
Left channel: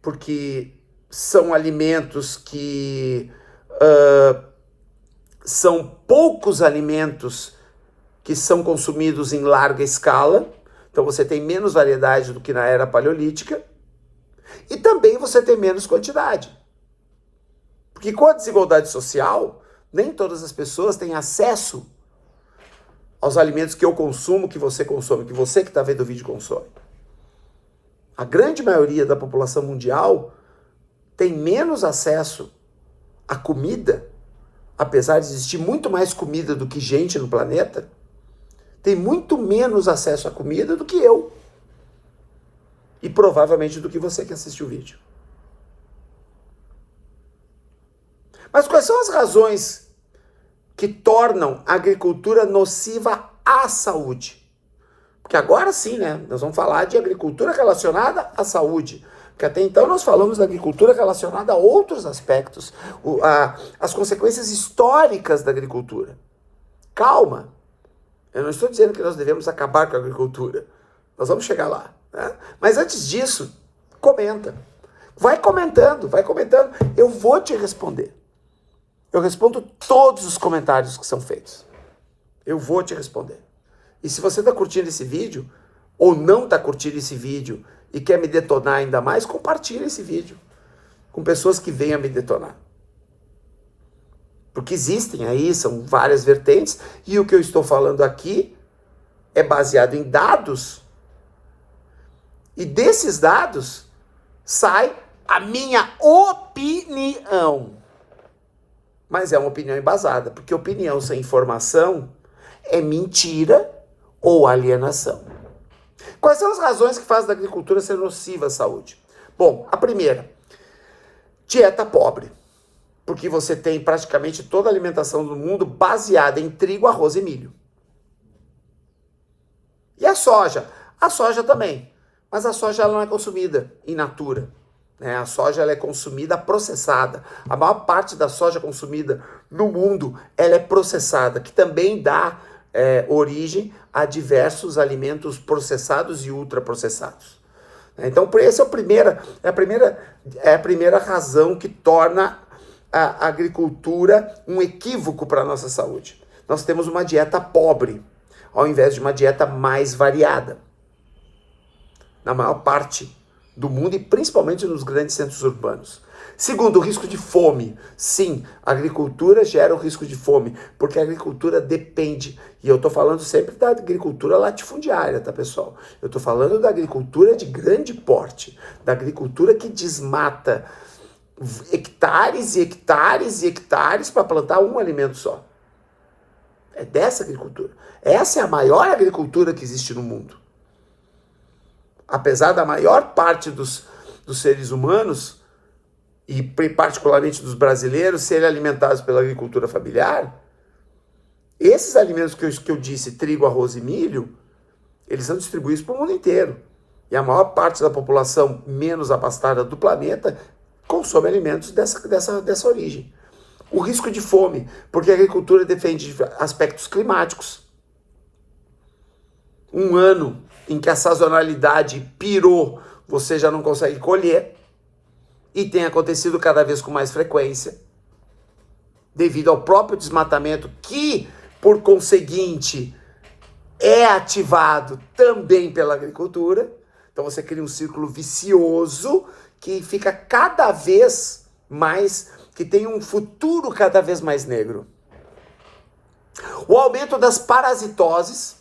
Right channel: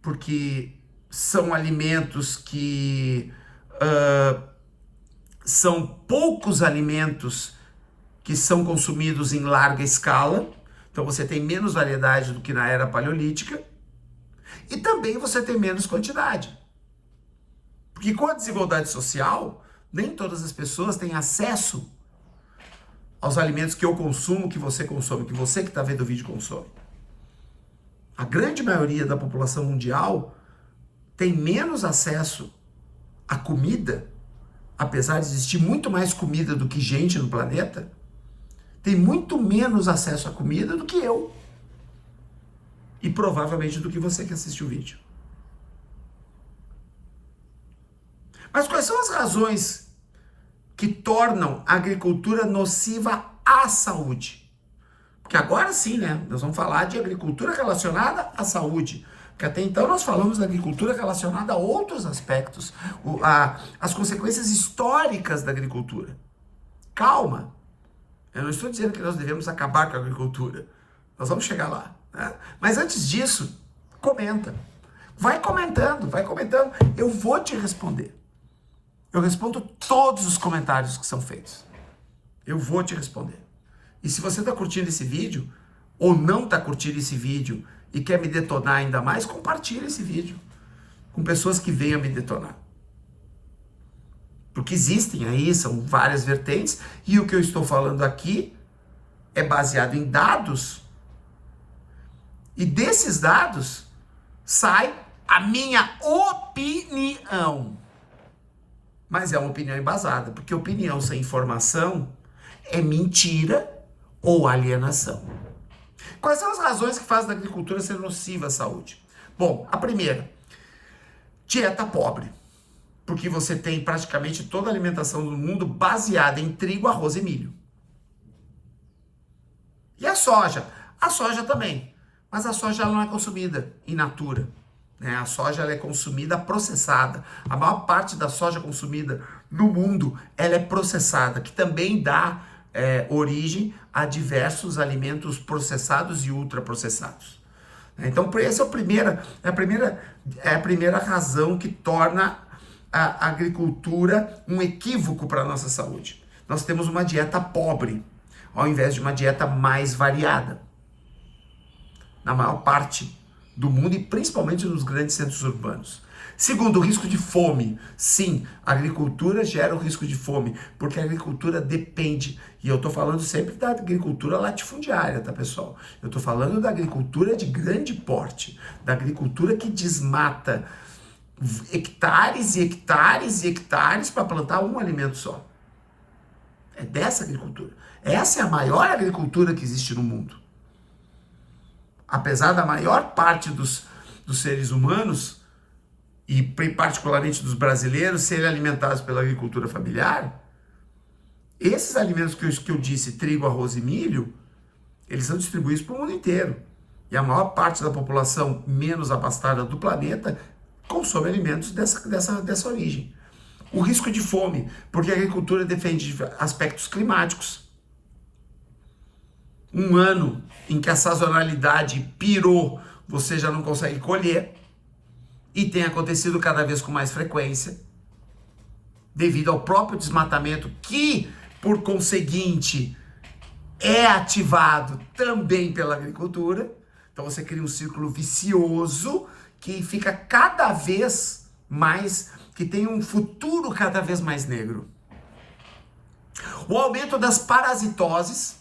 porque são alimentos que são poucos alimentos que são consumidos em larga escala. Então você tem menos variedade do que na era paleolítica. E também você tem menos quantidade. Porque com a desigualdade social, nem todas as pessoas têm acesso aos alimentos que eu consumo, que você consome, que você que está vendo o vídeo consome. A grande maioria da população mundial tem menos acesso à comida, apesar de existir muito mais comida do que gente no planeta, tem muito menos acesso à comida do que eu. E provavelmente do que você que assistiu o vídeo. Mas quais são as razões que tornam a agricultura nociva à saúde? Porque agora sim, né? Nós vamos falar de agricultura relacionada à saúde. Porque até então nós falamos da agricultura relacionada a outros aspectos. As consequências históricas da agricultura. Calma. Eu não estou dizendo que nós devemos acabar com a agricultura. Nós vamos chegar lá. Né? Mas antes disso, comenta. Vai comentando. Eu vou te responder. Eu respondo todos os comentários que são feitos. Eu vou te responder. E se você está curtindo esse vídeo, ou não está curtindo esse vídeo, e quer me detonar ainda mais, compartilhe esse vídeo com pessoas que venham me detonar. Porque existem aí, são várias vertentes, e o que eu estou falando aqui é baseado em dados. E desses dados sai a minha opinião. Mas é uma opinião embasada, porque opinião sem informação é mentira ou alienação. Quais são as razões que fazem da agricultura ser nociva à saúde? Bom, a primeira, dieta pobre. Porque você tem praticamente toda a alimentação do mundo baseada em trigo, arroz e milho. E a soja? A soja também. Mas a soja ela não é consumida in natura. Né? A soja ela é consumida processada. A maior parte da soja consumida no mundo ela é processada, que também dá origem a diversos alimentos processados e ultraprocessados. Então, essa é a primeira razão que torna a agricultura um equívoco para a nossa saúde. Nós temos uma dieta pobre, ao invés de uma dieta mais variada. Na maior parte do mundo e principalmente nos grandes centros urbanos. Segundo, o risco de fome. Sim, a agricultura gera o risco de fome, porque a agricultura depende, e eu estou falando sempre da agricultura latifundiária, tá, pessoal? Eu estou falando da agricultura de grande porte, da agricultura que desmata hectares e hectares e hectares para plantar um alimento só. É dessa agricultura. Essa é a maior agricultura que existe no mundo. Apesar da maior parte dos seres humanos, e particularmente dos brasileiros, serem alimentados pela agricultura familiar, esses alimentos que eu disse, trigo, arroz e milho, eles são distribuídos para o mundo inteiro. E a maior parte da população menos abastada do planeta consome alimentos dessa origem. O risco de fome, porque a agricultura defende aspectos climáticos. Um ano em que a sazonalidade pirou, você já não consegue colher, e tem acontecido cada vez com mais frequência, devido ao próprio desmatamento, que, por conseguinte, é ativado também pela agricultura. Então você cria um círculo vicioso que fica cada vez mais, que tem um futuro cada vez mais negro. O aumento das parasitoses,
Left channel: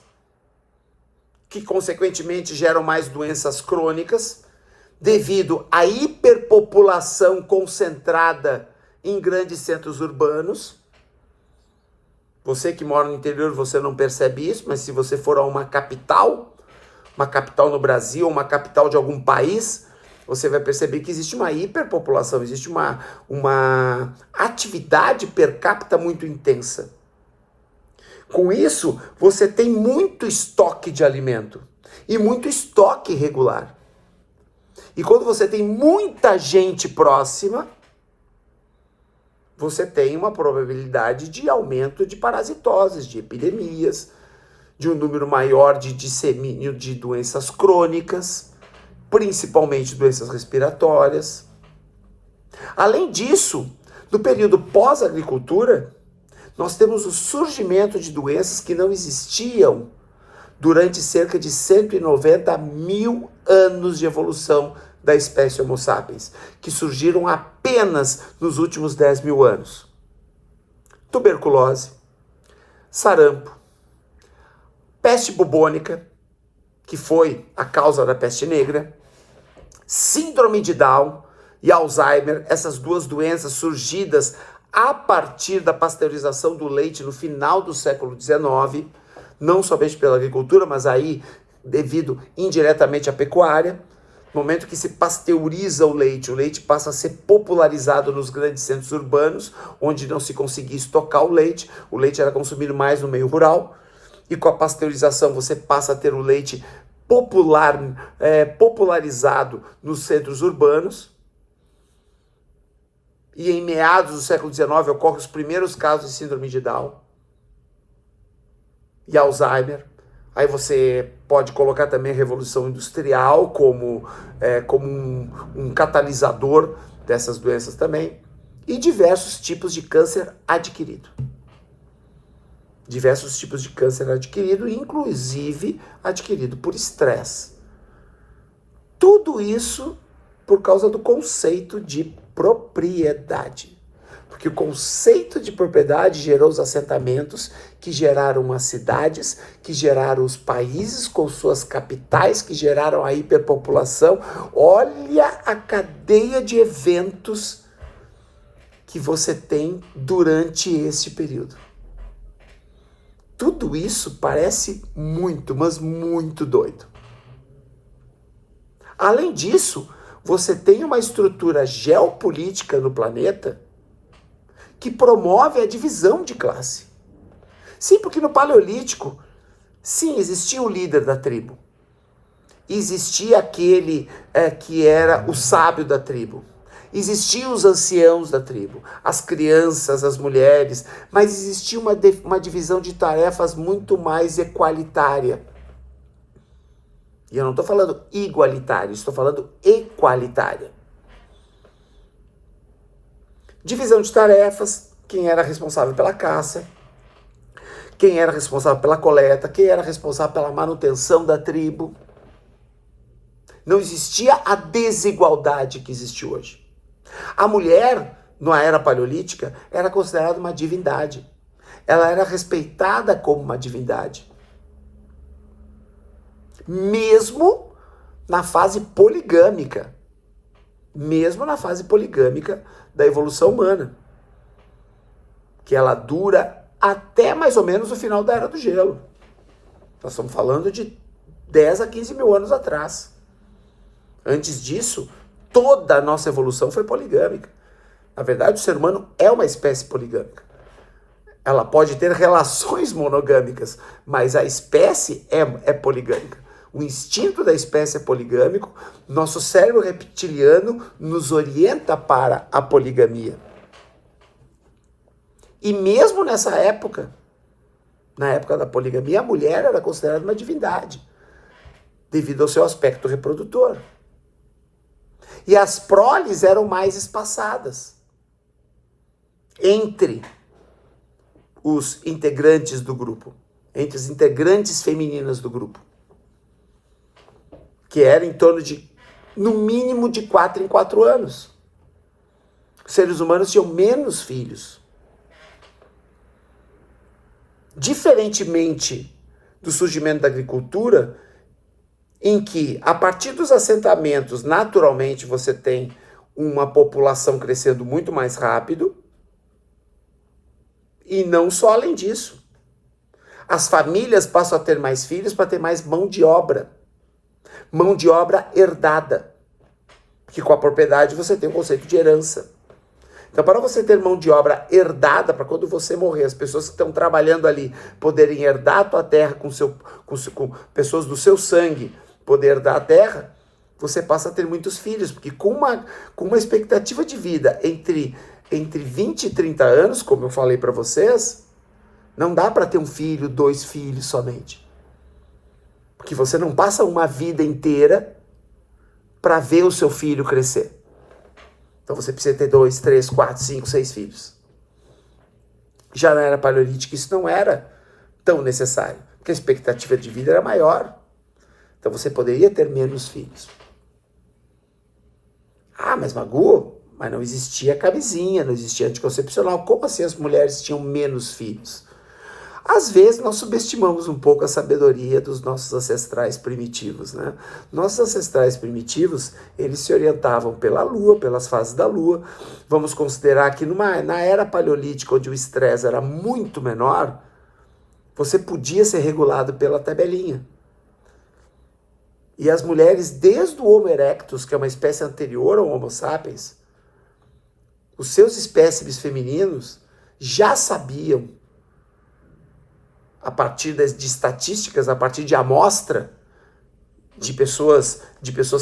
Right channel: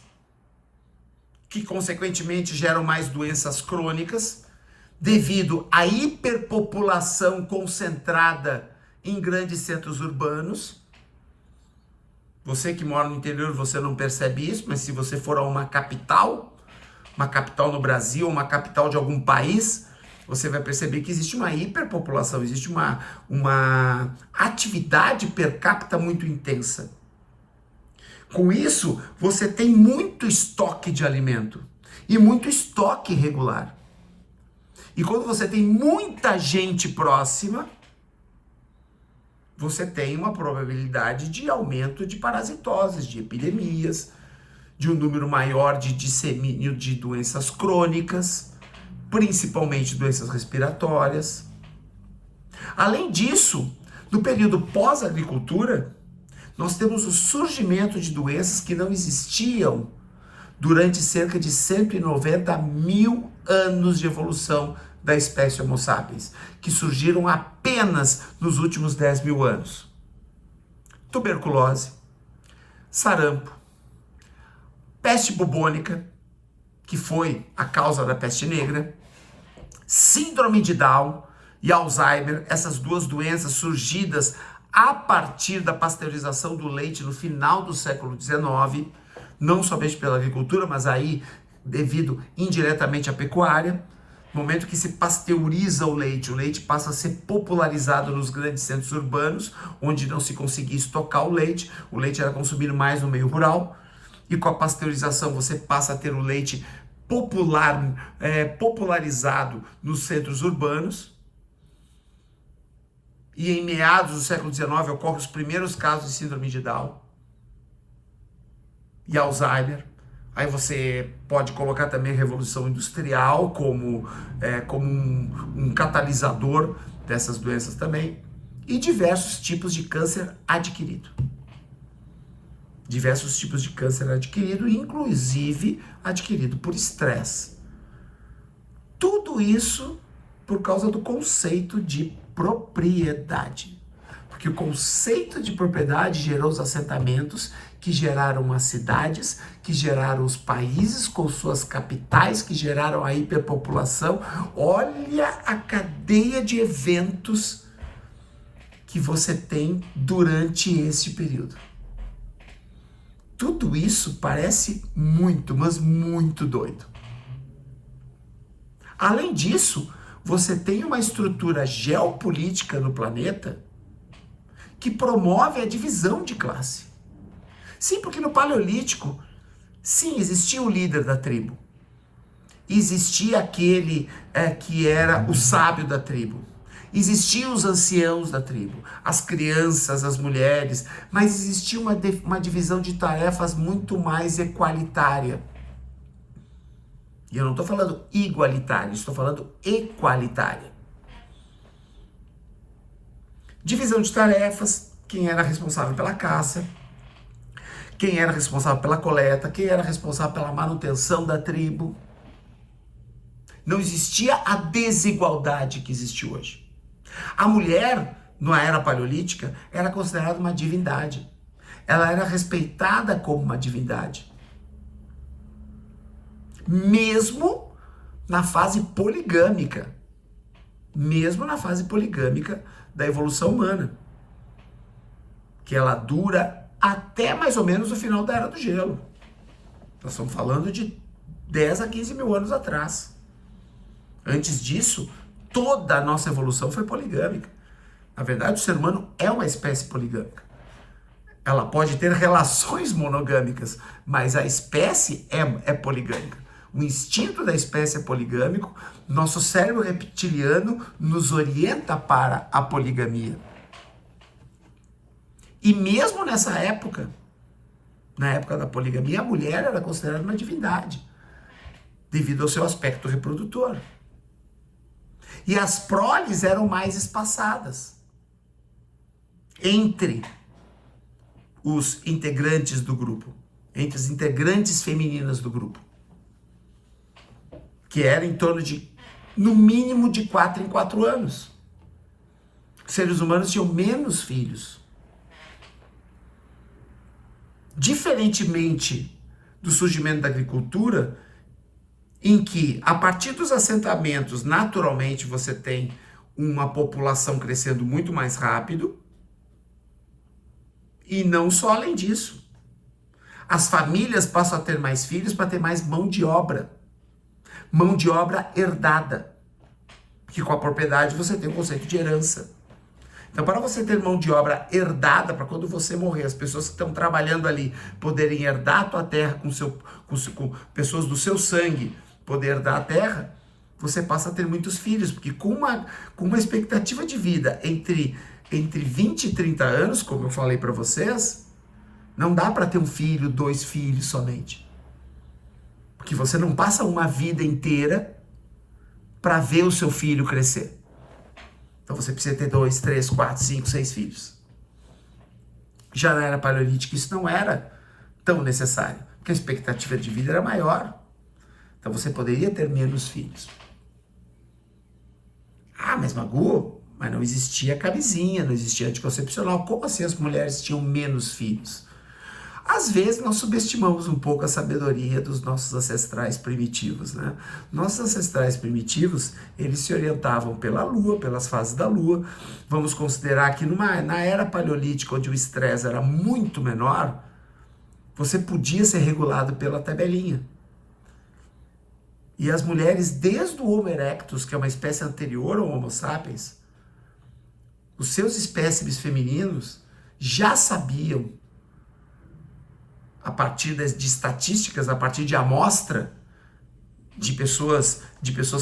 que consequentemente geram mais doenças crônicas, devido à hiperpopulação concentrada em grandes centros urbanos. Você que mora no interior, você não percebe isso, mas se você for a uma capital no Brasil, uma capital de algum país, você vai perceber que existe uma hiperpopulação, existe uma atividade per capita muito intensa. Com isso, você tem muito estoque de alimento e muito estoque irregular. E quando você tem muita gente próxima, você tem uma probabilidade de aumento de parasitoses, de epidemias, de um número maior de dissemínio de doenças crônicas, principalmente doenças respiratórias. Além disso, no período pós-agricultura, nós temos o surgimento de doenças que não existiam durante cerca de 190 mil anos de evolução da espécie Homo sapiens, que surgiram apenas nos últimos 10 mil anos. Tuberculose, sarampo, peste bubônica, que foi a causa da peste negra, síndrome de Down e Alzheimer, essas duas doenças surgidas a partir da pasteurização do leite no final do século XIX, não somente pela agricultura, mas aí devido indiretamente à pecuária. No momento que se pasteuriza o leite passa a ser popularizado nos grandes centros urbanos, onde não se conseguia estocar o leite era consumido mais no meio rural, e com a pasteurização você passa a ter o leite popularizado nos centros urbanos. E em meados do século XIX ocorrem os primeiros casos de síndrome de Down e Alzheimer. Aí você pode colocar também a Revolução Industrial como um catalisador dessas doenças também. E diversos tipos de câncer adquirido. Diversos tipos de câncer adquirido, inclusive adquirido por estresse. Tudo isso por causa do conceito de propriedade. Porque o conceito de propriedade gerou os assentamentos, que geraram as cidades, que geraram os países com suas capitais, que geraram a hiperpopulação. Olha a cadeia de eventos que você tem durante esse período. Tudo isso parece muito, mas muito doido. Além disso, você tem uma estrutura geopolítica no planeta que promove a divisão de classe. Sim, porque no Paleolítico, sim, existia o líder da tribo. Existia aquele que era o sábio da tribo. Existiam os anciãos da tribo, as crianças, as mulheres, mas existia uma divisão de tarefas muito mais equalitária. E eu não estou falando igualitária, estou falando equalitária. Divisão de tarefas, quem era responsável pela caça, quem era responsável pela coleta, quem era responsável pela manutenção da tribo. Não existia a desigualdade que existe hoje. A mulher, na era paleolítica, era considerada uma divindade. Ela era respeitada como uma divindade. Mesmo na fase poligâmica. Mesmo na fase poligâmica da evolução humana. Que ela dura até mais ou menos o final da Era do Gelo. Nós estamos falando de 10 a 15 mil anos atrás. Antes disso, toda a nossa evolução foi poligâmica. Na verdade, o ser humano é uma espécie poligâmica. Ela pode ter relações monogâmicas, mas a espécie é poligâmica. O instinto da espécie é poligâmico, nosso cérebro reptiliano nos orienta para a poligamia. E mesmo nessa época, na época da poligamia, a mulher era considerada uma divindade, devido ao seu aspecto reprodutor. E as proles eram mais espaçadas entre os integrantes do grupo, entre as integrantes femininas do grupo, que era em torno de, no mínimo, de 4 em 4 anos. Os seres humanos tinham menos filhos. Diferentemente do surgimento da agricultura, em que, a partir dos assentamentos, naturalmente você tem uma população crescendo muito mais rápido, e não só além disso. As famílias passam a ter mais filhos para ter mais mão de obra herdada, porque com a propriedade você tem o conceito de herança. Então, para você ter mão de obra herdada, para quando você morrer, as pessoas que estão trabalhando ali poderem herdar a tua terra com pessoas do seu sangue, poder herdar a terra, você passa a ter muitos filhos, porque com uma expectativa de vida entre 20 e 30 anos, como eu falei para vocês, não dá para ter um filho, 2 filhos somente. Porque você não passa uma vida inteira para ver o seu filho crescer. Então você precisa ter 2, 3, 4, 5, 6 filhos. Já na era paleolítica isso não era tão necessário, porque a expectativa de vida era maior. Então você poderia ter menos filhos. Ah, mas Magu, mas não existia camisinha, não existia anticoncepcional. Como assim as mulheres tinham menos filhos? Às vezes nós subestimamos um pouco a sabedoria dos nossos ancestrais primitivos, né? Nossos ancestrais primitivos, eles se orientavam pela lua, pelas fases da lua. Vamos considerar que na era paleolítica, onde o estresse era muito menor, você podia ser regulado pela tabelinha. E as mulheres, desde o Homo erectus, que é uma espécie anterior ao Homo sapiens, os seus espécimes femininos já sabiam, a partir de estatísticas, a partir de amostra de pessoas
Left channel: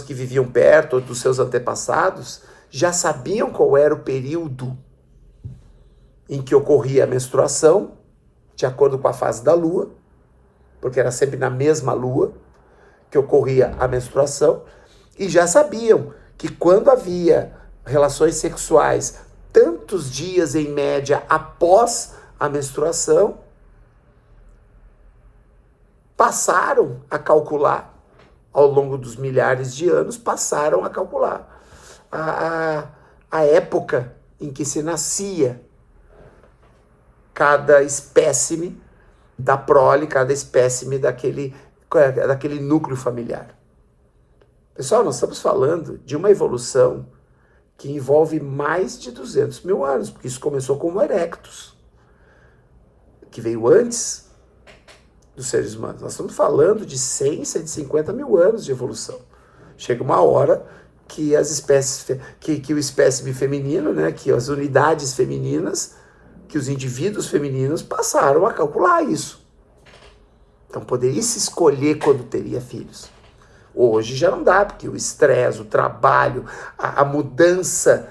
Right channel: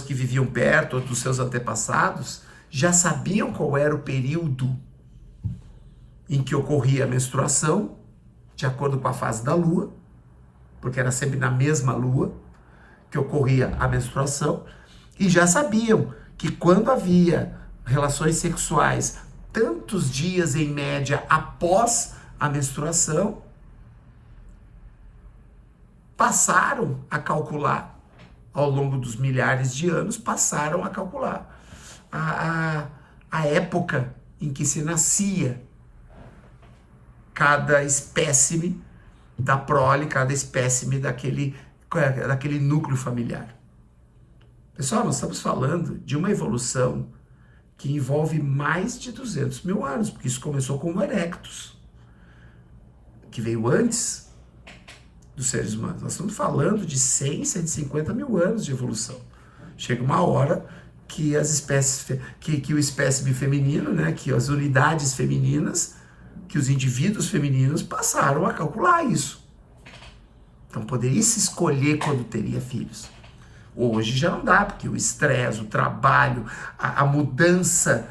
que viviam perto ou dos seus antepassados, já sabiam qual era o período em que ocorria a menstruação, de acordo com a fase da lua, porque era sempre na mesma lua que ocorria a menstruação, e já sabiam que quando havia relações sexuais tantos dias em média após a menstruação, passaram a calcular, ao longo dos milhares de anos, passaram a calcular a época em que se nascia cada espécime da prole, cada espécime daquele núcleo familiar. Pessoal, nós estamos falando de uma evolução que envolve mais de 200 mil anos, porque isso começou com o Homo erectus, que veio antes, dos seres humanos. Nós estamos falando de 100, 150 mil anos de evolução. Chega uma hora que as espécies, que o espécime feminino, né, que as unidades femininas, que os indivíduos femininos passaram a calcular isso. Então poderia se escolher quando teria filhos. Hoje já não dá, porque o estresse, o trabalho, a mudança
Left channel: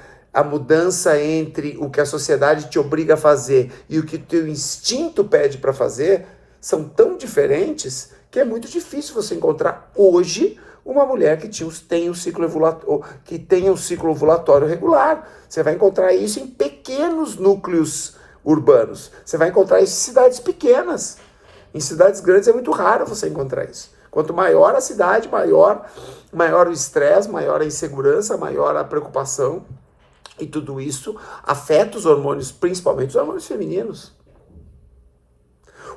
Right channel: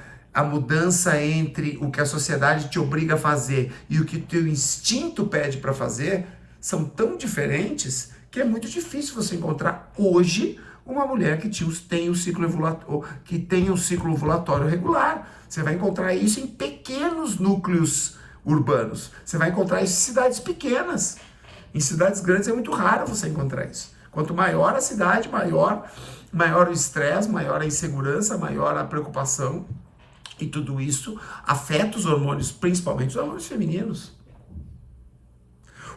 entre o que a sociedade te obriga a fazer e o que teu instinto pede para fazer são tão diferentes que é muito difícil você encontrar hoje uma mulher que tenha um ciclo ovulatório regular. Você vai encontrar isso em pequenos núcleos urbanos. Você vai encontrar isso em cidades pequenas. Em cidades grandes é muito raro você encontrar isso. Quanto maior a cidade, maior o estresse, maior a insegurança, maior a preocupação. E tudo isso afeta os hormônios, principalmente os hormônios femininos.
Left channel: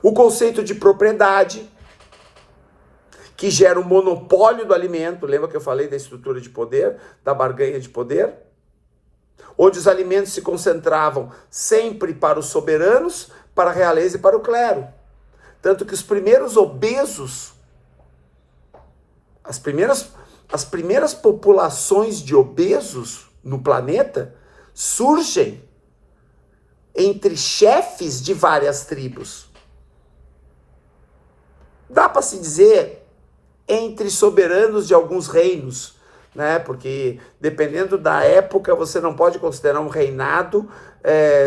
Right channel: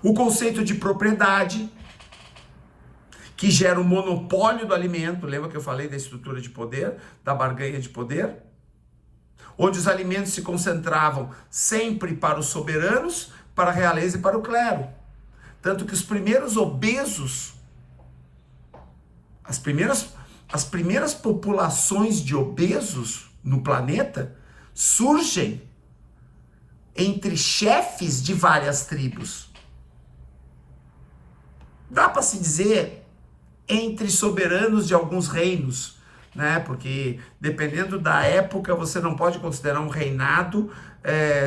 O conceito de propriedade, que gera um monopólio do alimento. Lembra que eu falei da estrutura de poder, da barganha de poder? Onde os alimentos se concentravam sempre para os soberanos, para a realeza e para o clero. Tanto que os primeiros obesos, as primeiras populações de obesos no planeta surgem entre chefes de várias tribos. Dá para se dizer entre soberanos de alguns reinos, né? Porque dependendo da época você não pode considerar um reinado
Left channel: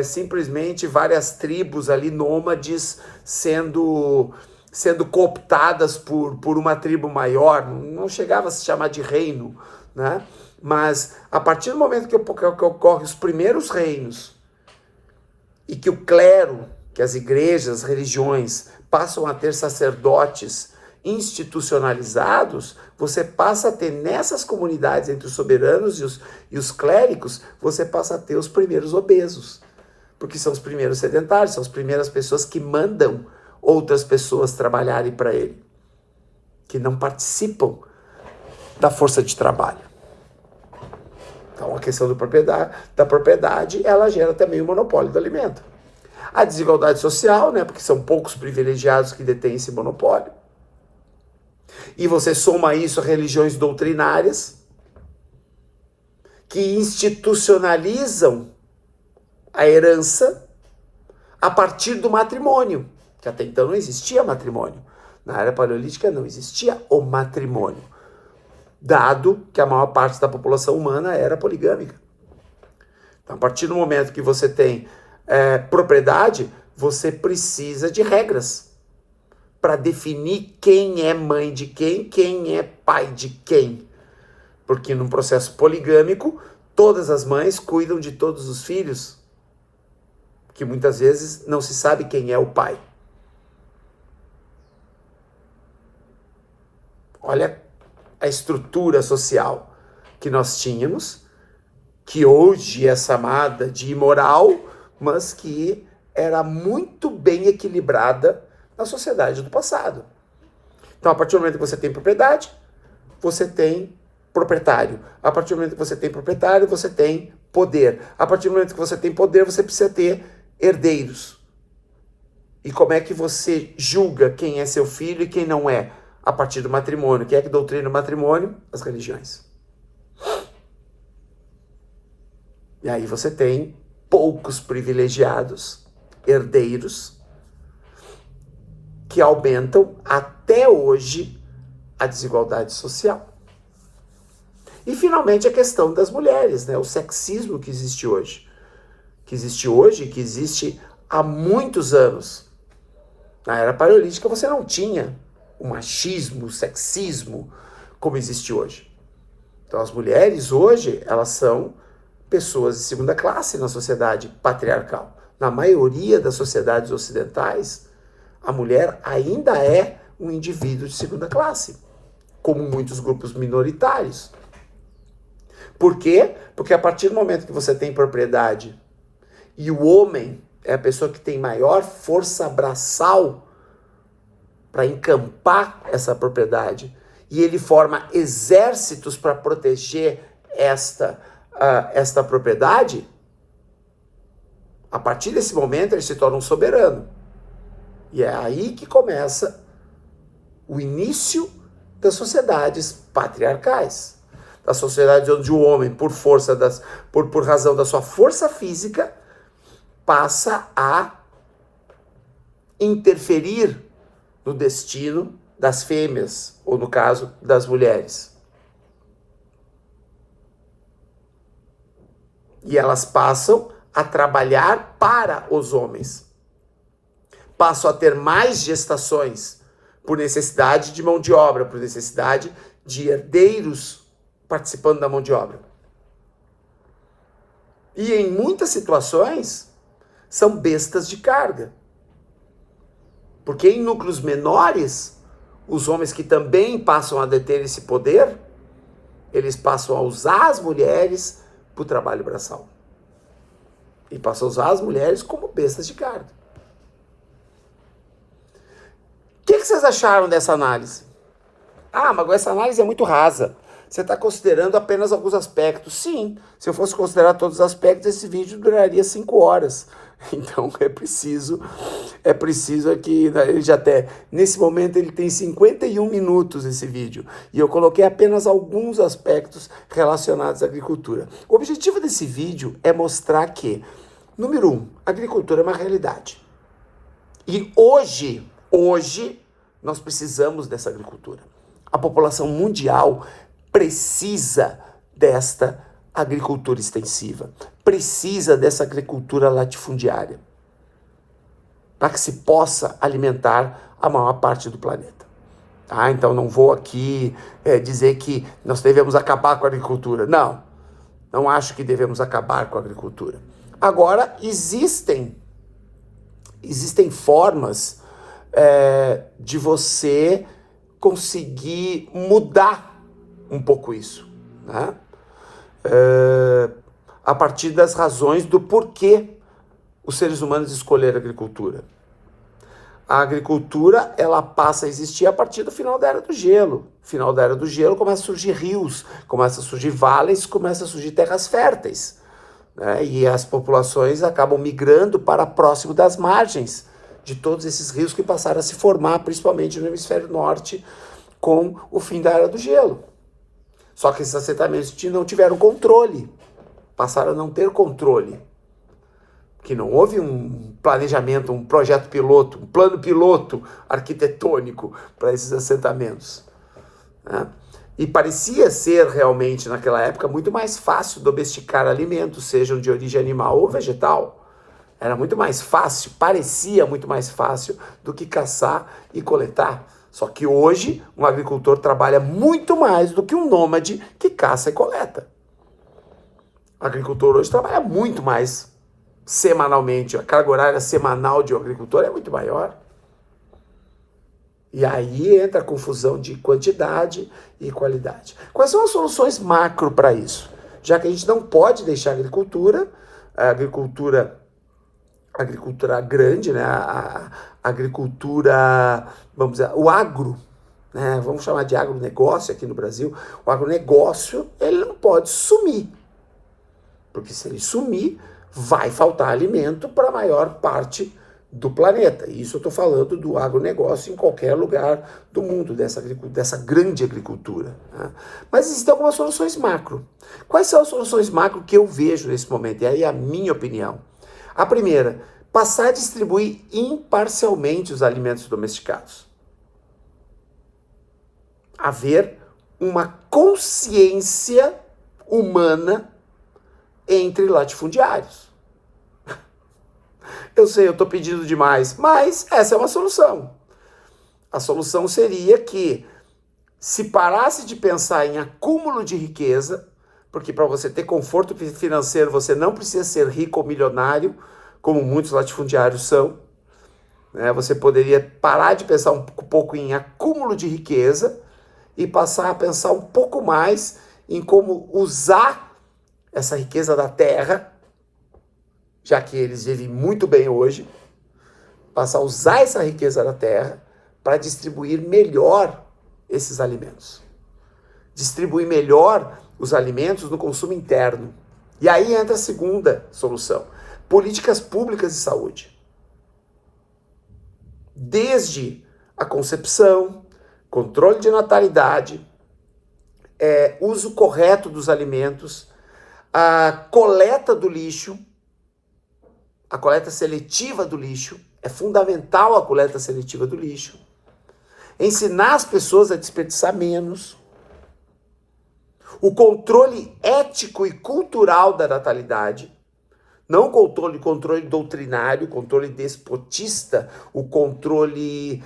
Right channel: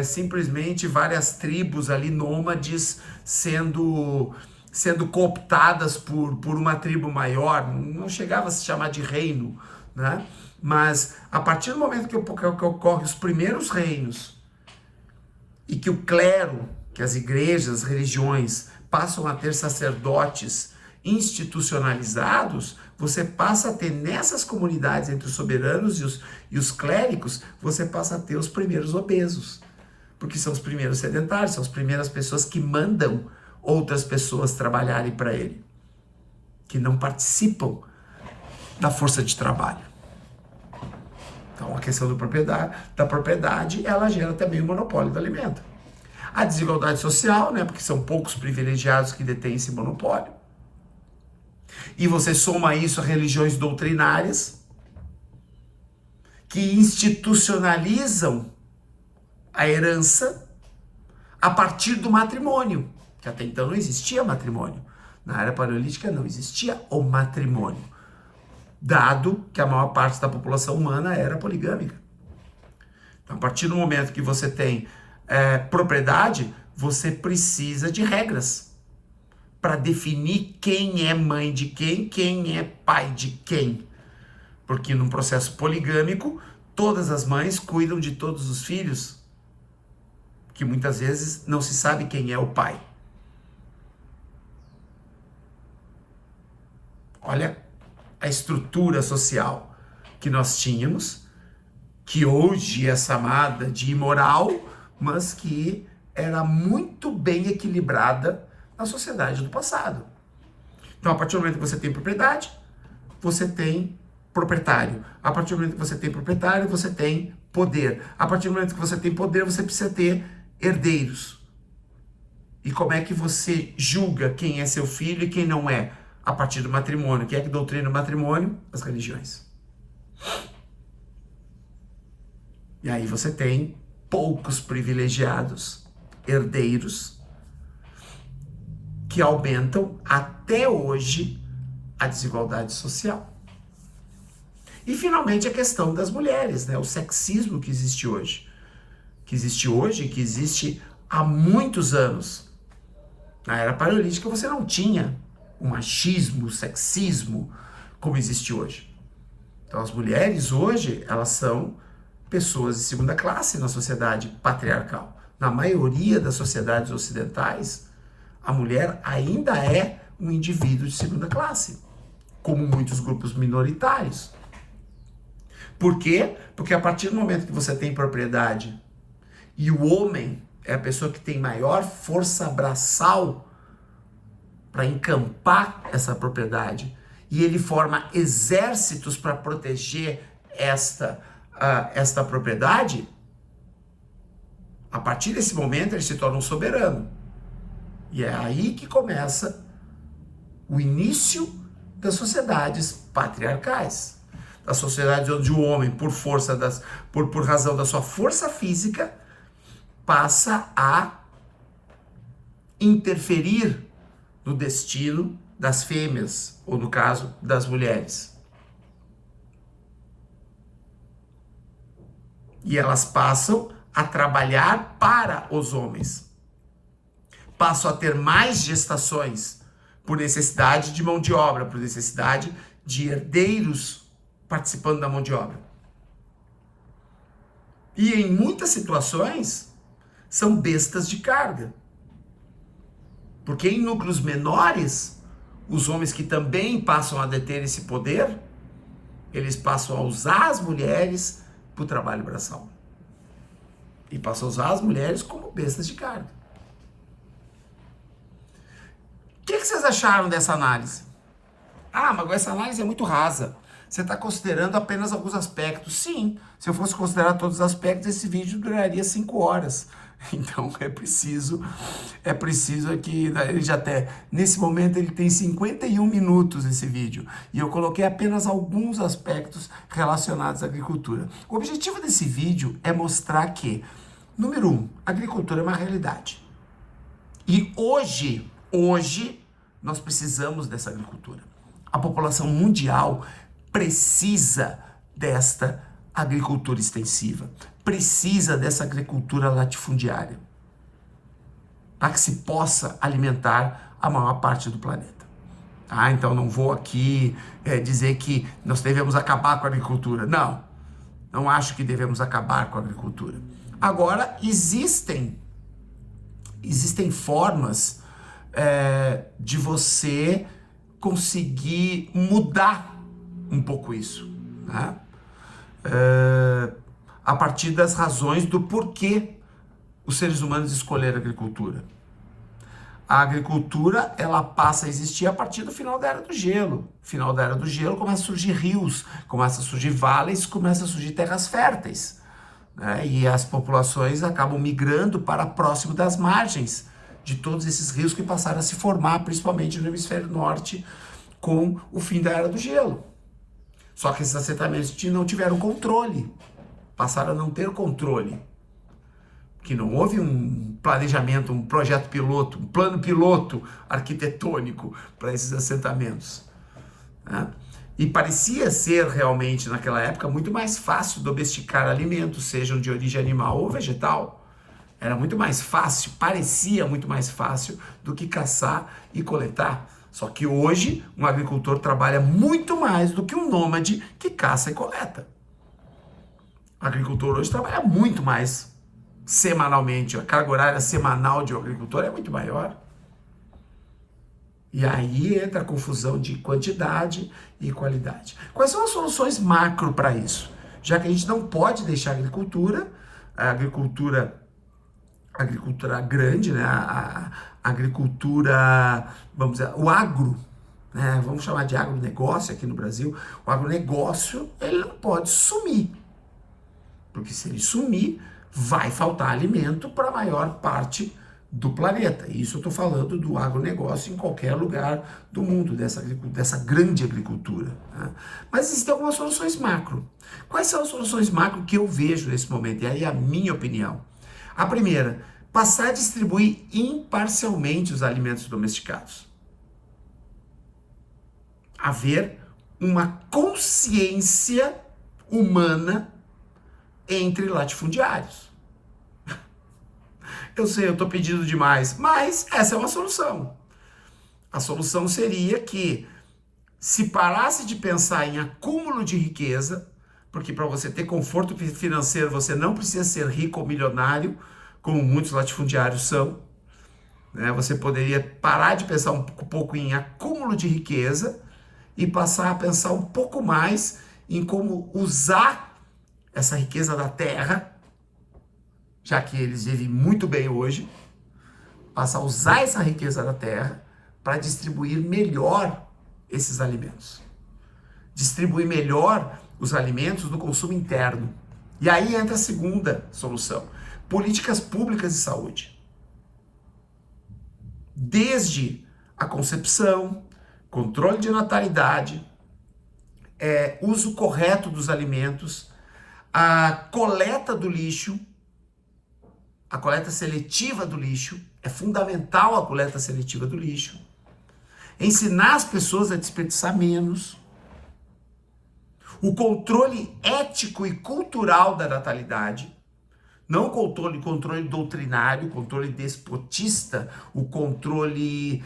simplesmente várias tribos ali nômades sendo cooptadas por uma tribo maior. Não chegava a se chamar de reino, né? Mas a partir do momento que ocorrem os primeiros reinos e que o clero, que as igrejas, as religiões passam a ter sacerdotes institucionalizados, você passa a ter nessas comunidades entre os soberanos e os clérigos, você passa a ter os primeiros obesos, porque são os primeiros sedentários, são as primeiras pessoas que mandam outras pessoas trabalharem para ele, que não participam da força de trabalho. Então a questão da propriedade, ela gera também o monopólio do alimento. A desigualdade social, né, porque são poucos privilegiados que detêm esse monopólio. E você soma isso a religiões doutrinárias que institucionalizam a herança a partir do matrimônio, que até então não existia matrimônio. Na era paleolítica não existia o matrimônio, dado que a maior parte da população humana era poligâmica. Então, a partir do momento que você tem propriedade, você precisa de regras para definir quem é mãe de quem é pai de quem. Porque num processo poligâmico, todas as mães cuidam de todos os filhos, que muitas vezes não se sabe quem é o pai. Olha a estrutura social que nós tínhamos, que hoje é chamada de imoral, mas que era muito bem equilibrada na sociedade do passado. Então, a partir do momento que você tem propriedade, você tem proprietário. A partir do momento que você tem proprietário, você tem poder. A partir do momento que você tem poder, você precisa ter herdeiros. E como é que você julga quem é seu filho e quem não é? A partir do matrimônio. Quem é que doutrina o matrimônio? As religiões. E aí você tem poucos privilegiados, herdeiros, que aumentam até hoje a desigualdade social. E finalmente a questão das mulheres, né? O sexismo que existe hoje. Que existe há muitos anos. Na era paleolítica você não tinha o machismo, o sexismo como existe hoje. Então as mulheres hoje, elas são pessoas de segunda classe na sociedade patriarcal. Na maioria das sociedades ocidentais, a mulher ainda é um indivíduo de segunda classe, como muitos grupos minoritários. Por quê? Porque a partir do momento que você tem propriedade e o homem é a pessoa que tem maior força braçal para encampar essa propriedade e ele forma exércitos para proteger esta propriedade, a partir desse momento ele se torna um soberano. E é aí que começa o início das sociedades patriarcais. Das sociedades onde o homem, por razão da sua força física, passa a interferir no destino das fêmeas, ou no caso, das mulheres. E elas passam a trabalhar para os homens. Passam a ter mais gestações por necessidade de mão de obra, por necessidade de herdeiros participando da mão de obra. E em muitas situações são bestas de carga. Porque em núcleos menores, os homens que também passam a deter esse poder, eles passam a usar as mulheres para o trabalho braçal. E passam a usar as mulheres como bestas de carga. O que vocês acharam dessa análise? Ah, mas essa análise é muito rasa. Você está considerando apenas alguns aspectos. Sim, se eu fosse considerar todos os aspectos, esse vídeo duraria 5 horas. Então é preciso aqui, ele já até, nesse momento ele tem 51 minutos esse vídeo, e eu coloquei apenas alguns aspectos relacionados à agricultura. O objetivo desse vídeo é mostrar que, número 1, a agricultura é uma realidade. E hoje nós precisamos dessa agricultura. A população mundial precisa desta agricultura extensiva, precisa dessa agricultura latifundiária, para que se possa alimentar a maior parte do planeta. Então não vou aqui dizer que nós devemos acabar com a agricultura. Não acho que devemos acabar com a agricultura. Agora, existem formas de você conseguir mudar um pouco isso, né? A partir das razões do porquê os seres humanos escolheram a agricultura. A agricultura, ela passa a existir a partir do final da Era do Gelo. No final da Era do Gelo começa a surgir rios, começa a surgir vales, começa a surgir terras férteis, né? E as populações acabam migrando para próximo das margens de todos esses rios que passaram a se formar, principalmente no hemisfério norte, com o fim da Era do Gelo. Só que esses assentamentos não tiveram controle, passaram a não ter controle, que não houve um planejamento, um projeto piloto, um plano piloto arquitetônico para esses assentamentos, né? E parecia ser realmente, naquela época, muito mais fácil domesticar alimentos, sejam de origem animal ou vegetal. Era muito mais fácil, parecia muito mais fácil do que caçar e coletar. Só que hoje, um agricultor trabalha muito mais do que um nômade que caça e coleta. O agricultor hoje trabalha muito mais semanalmente. A carga horária semanal de um agricultor é muito maior. E aí entra a confusão de quantidade e qualidade. Quais são as soluções macro para isso? Já que a gente não pode deixar a agricultura grande, né? A agricultura, vamos dizer, o agro, né? Vamos chamar de agronegócio aqui no Brasil. O agronegócio, ele não pode sumir, porque se ele sumir, vai faltar alimento para a maior parte do planeta. E isso eu estou falando do agronegócio em qualquer lugar do mundo, dessa grande agricultura, né? Mas existem algumas soluções macro. Quais são as soluções macro que eu vejo nesse momento? E aí a minha opinião. A primeira, passar a distribuir imparcialmente os alimentos domesticados. Haver uma consciência humana entre latifundiários. Eu sei, eu estou pedindo demais, mas essa é uma solução. A solução seria que se parasse de pensar em acúmulo de riqueza, porque para você ter conforto financeiro, você não precisa ser rico ou milionário, como muitos latifundiários são, né? Você poderia parar de pensar um pouco em acúmulo de riqueza e passar a pensar um pouco mais em como usar essa riqueza da terra, já que eles vivem muito bem hoje, passar a usar essa riqueza da terra para distribuir melhor esses alimentos. Distribuir melhor os alimentos no consumo interno. E aí entra a segunda solução: políticas públicas de saúde. Desde a concepção, controle de natalidade, uso correto dos alimentos, a coleta do lixo, a coleta seletiva do lixo, é fundamental a coleta seletiva do lixo, ensinar as pessoas a desperdiçar menos, o controle ético e cultural da natalidade, não controle doutrinário, controle despotista, o controle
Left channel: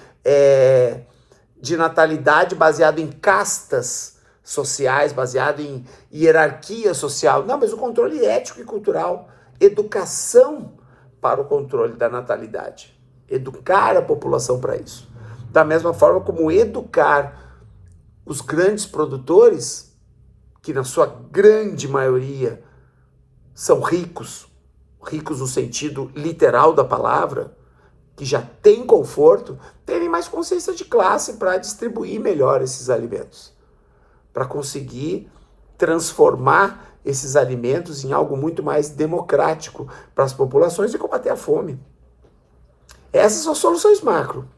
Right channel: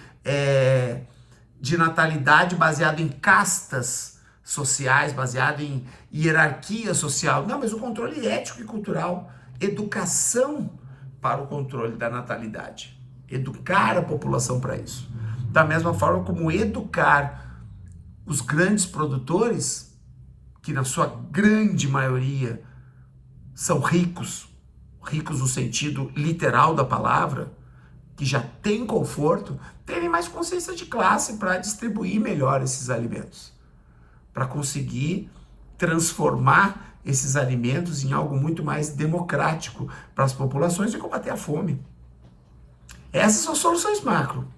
de natalidade baseado em castas sociais, baseado em hierarquia social. Não, mas o controle ético e cultural, educação para o controle da natalidade. Educar a população para isso. Da mesma forma como educar os grandes produtores, que na sua grande maioria são ricos no sentido literal da palavra, que já têm conforto, terem mais consciência de classe para distribuir melhor esses alimentos, para conseguir transformar esses alimentos em algo muito mais democrático para as populações e combater a fome. Essas são soluções macro.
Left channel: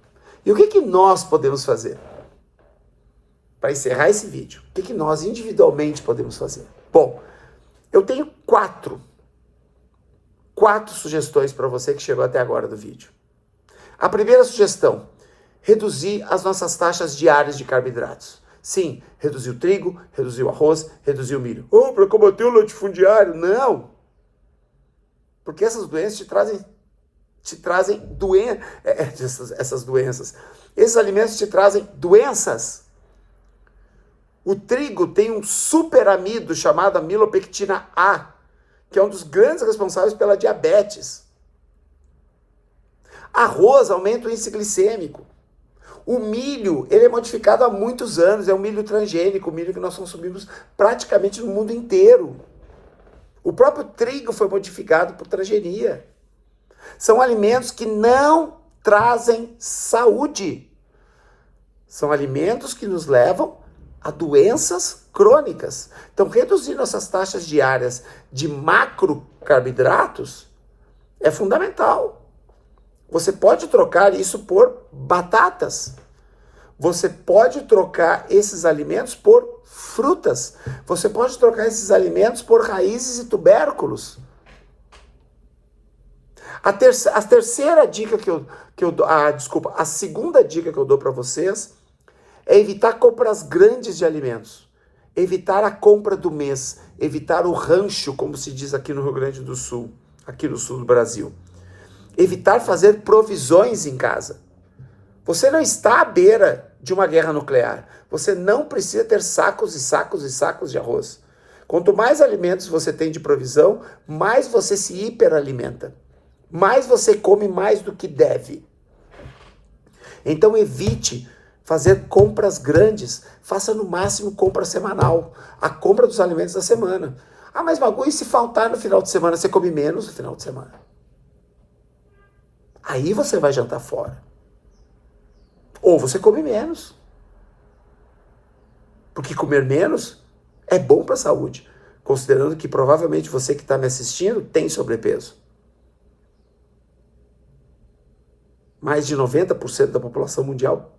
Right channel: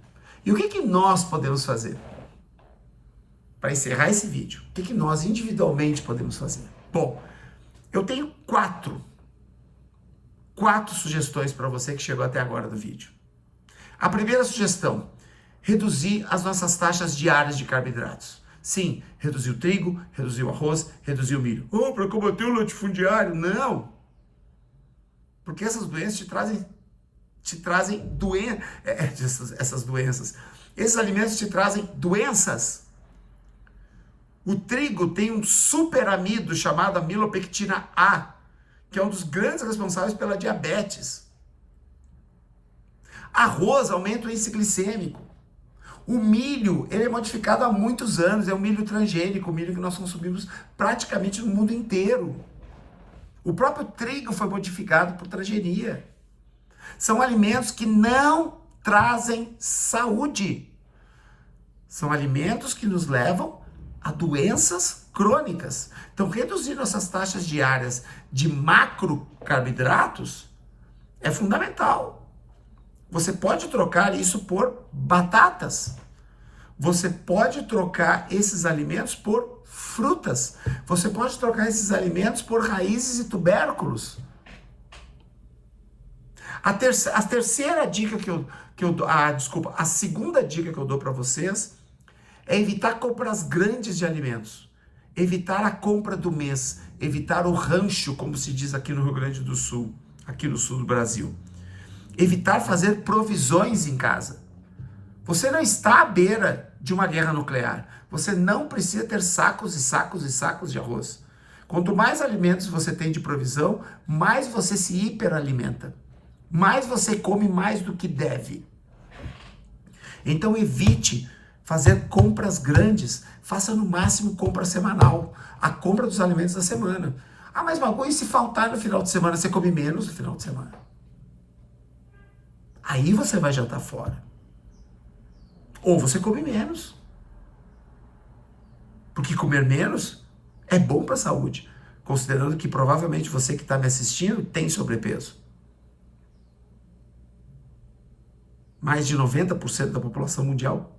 E o que nós podemos fazer? Para encerrar esse vídeo, o que nós individualmente podemos fazer? Bom, eu tenho quatro sugestões para você que chegou até agora do vídeo. A primeira sugestão, reduzir as nossas taxas diárias de carboidratos. Sim, reduzir o trigo, reduzir o arroz, reduzir o milho. Para combater o latifundiário? Não! Porque essas doenças te trazem essas doenças. Esses alimentos te trazem doenças. O trigo tem um superamido chamado amilopectina A, que é um dos grandes responsáveis pela diabetes. Arroz aumenta o índice glicêmico. O milho, ele é modificado há muitos anos, é um milho transgênico, o milho que nós consumimos praticamente no mundo inteiro. O próprio trigo foi modificado por transgenia. São alimentos que não trazem saúde. São alimentos que nos levam a doenças crônicas. Então, reduzir nossas taxas diárias de macrocarboidratos é fundamental. Você pode trocar isso por batatas. Você pode trocar esses alimentos por frutas. Você pode trocar esses alimentos por raízes e tubérculos. A segunda dica que eu dou para vocês é evitar compras grandes de alimentos. Evitar a compra do mês. Evitar o rancho, como se diz aqui no Rio Grande do Sul, aqui no sul do Brasil. Evitar fazer provisões em casa. Você não está à beira de uma guerra nuclear. Você não precisa ter sacos e sacos e sacos de arroz. Quanto mais alimentos você tem de provisão, mais você se hiperalimenta. Mais você come mais do que deve. Então evite fazer compras grandes. Faça no máximo compra semanal. A compra dos alimentos da semana. Mas Magu, e se faltar no final de semana, você come menos no final de semana? Aí você vai jantar fora. Ou você come menos. Porque comer menos é bom para a saúde. Considerando que provavelmente você que está me assistindo tem sobrepeso. Mais de 90% da população mundial...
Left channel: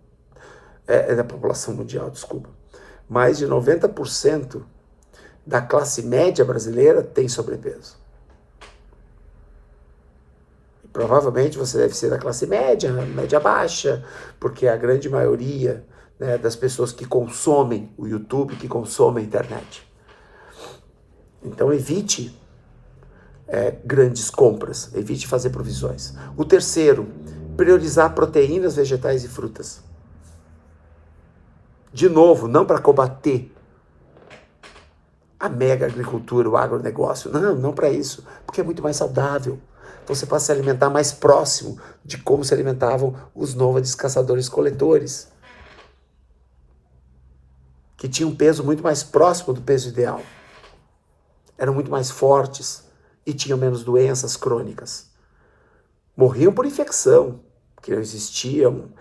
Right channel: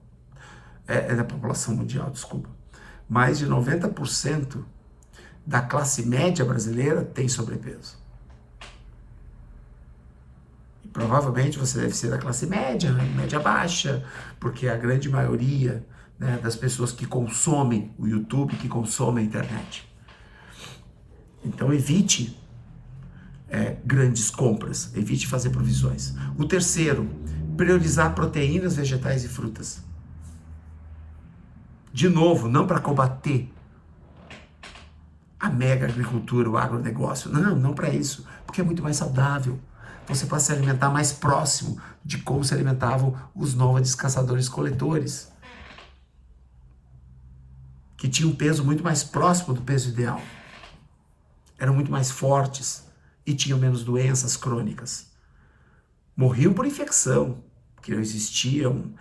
Mais de 90% da classe média brasileira tem sobrepeso. Provavelmente você deve ser da classe média, média baixa, porque a grande maioria, né, das pessoas que consomem o YouTube, que consomem a internet. Então evite grandes compras, evite fazer provisões. O terceiro, priorizar proteínas, vegetais e frutas. De novo, não para combater a mega agricultura, o agronegócio, não para isso, porque é muito mais saudável. Você pode se alimentar mais próximo de como se alimentavam os nômades caçadores-coletores, que tinham um peso muito mais próximo do peso ideal. Eram muito mais fortes e tinham menos doenças crônicas. Morriam por infecção, porque não existiam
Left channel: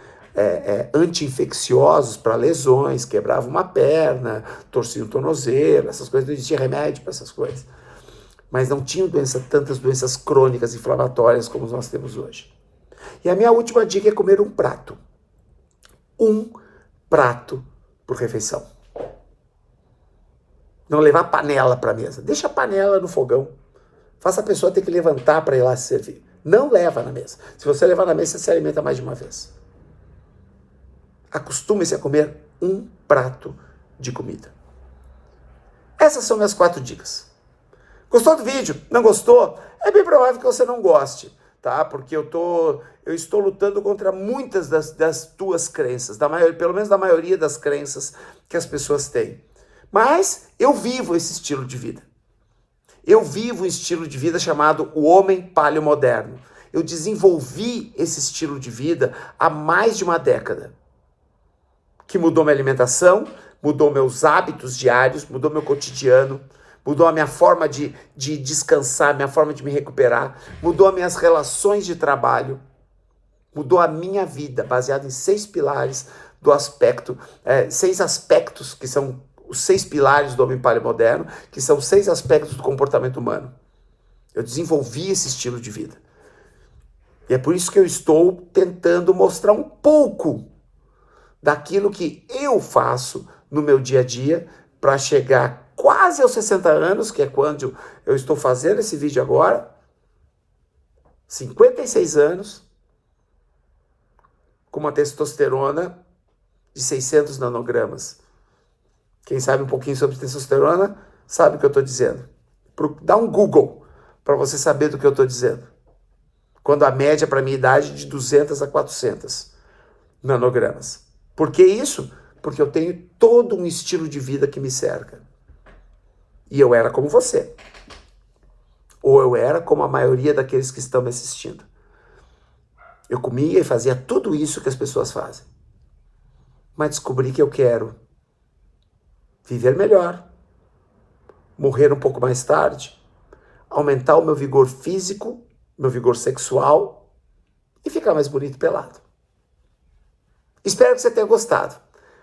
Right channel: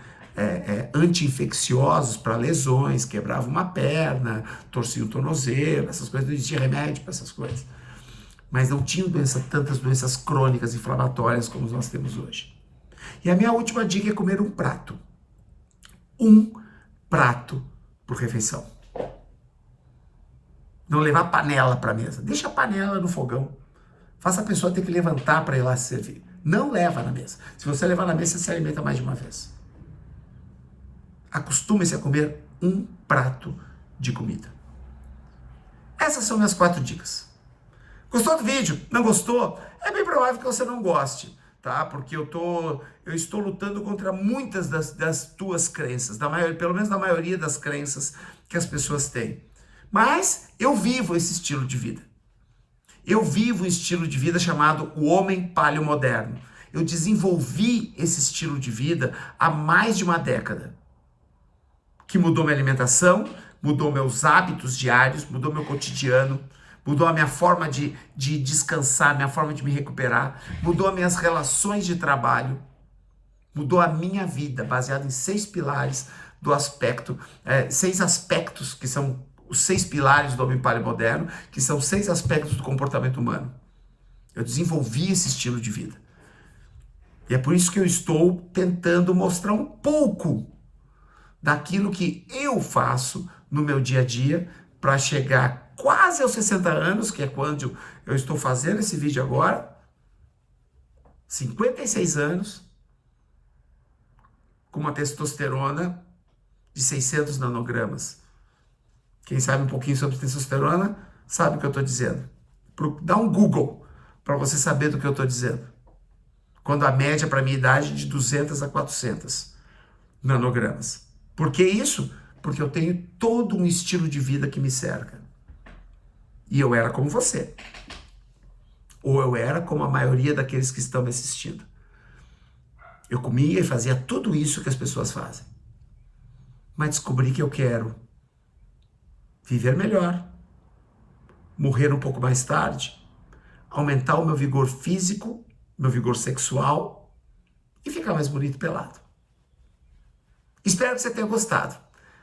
anti-infecciosos para lesões, quebravam uma perna, torciam o tornozelo, essas coisas, não existia remédio para essas coisas. Mas não tinham tantas doenças crônicas inflamatórias como nós temos hoje. E a minha última dica é comer um prato. Um prato por refeição. Não levar panela para a mesa. Deixa a panela no fogão. Faça a pessoa ter que levantar para ir lá se servir. Não leva na mesa. Se você levar na mesa, você se alimenta mais de uma vez. Acostume-se a comer um prato de comida. Essas são minhas 4 dicas. Gostou do vídeo? Não gostou? É bem provável que você não goste, tá? Porque eu estou lutando contra muitas das tuas crenças, pelo menos da maioria das crenças que as pessoas têm. Mas eu vivo esse estilo de vida. Eu vivo um estilo de vida chamado o homem paleomoderno. Eu desenvolvi esse estilo de vida há mais de uma década, que mudou minha alimentação, mudou meus hábitos diários, mudou meu cotidiano, mudou a minha forma de descansar, minha forma de me recuperar, mudou as minhas relações de trabalho, mudou a minha vida, baseado em 6 pilares do aspecto, 6 aspectos que são os 6 pilares do homem paleomoderno, que são 6 aspectos do comportamento humano. Eu desenvolvi esse estilo de vida. E é por isso que eu estou tentando mostrar um pouco daquilo que eu faço no meu dia a dia para chegar quase aos 60 anos, que é quando eu estou fazendo esse vídeo agora, 56 anos, com uma testosterona de 600 nanogramas. Quem sabe um pouquinho sobre testosterona, sabe o que eu estou dizendo. Dá um Google para você saber do que eu estou dizendo. Quando a média para a minha idade é de 200 a 400 nanogramas. Por que isso? Porque eu tenho todo um estilo de vida que me cerca. E eu era como você. Ou eu era como a maioria daqueles que estão me assistindo. Eu comia e fazia tudo isso que as pessoas fazem. Mas descobri que eu quero viver melhor, morrer um pouco mais tarde, aumentar o meu vigor físico, meu vigor sexual e ficar mais bonito pelado. Espero que você tenha gostado.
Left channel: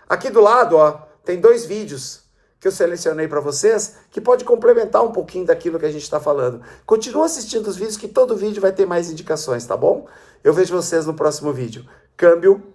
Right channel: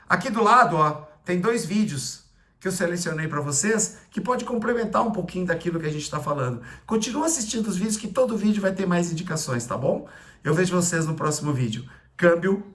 Aqui do lado, tem 2 vídeos que eu selecionei para vocês que pode complementar um pouquinho daquilo que a gente está falando. Continua assistindo os vídeos que todo vídeo vai ter mais indicações, tá bom? Eu vejo vocês no próximo vídeo. Câmbio.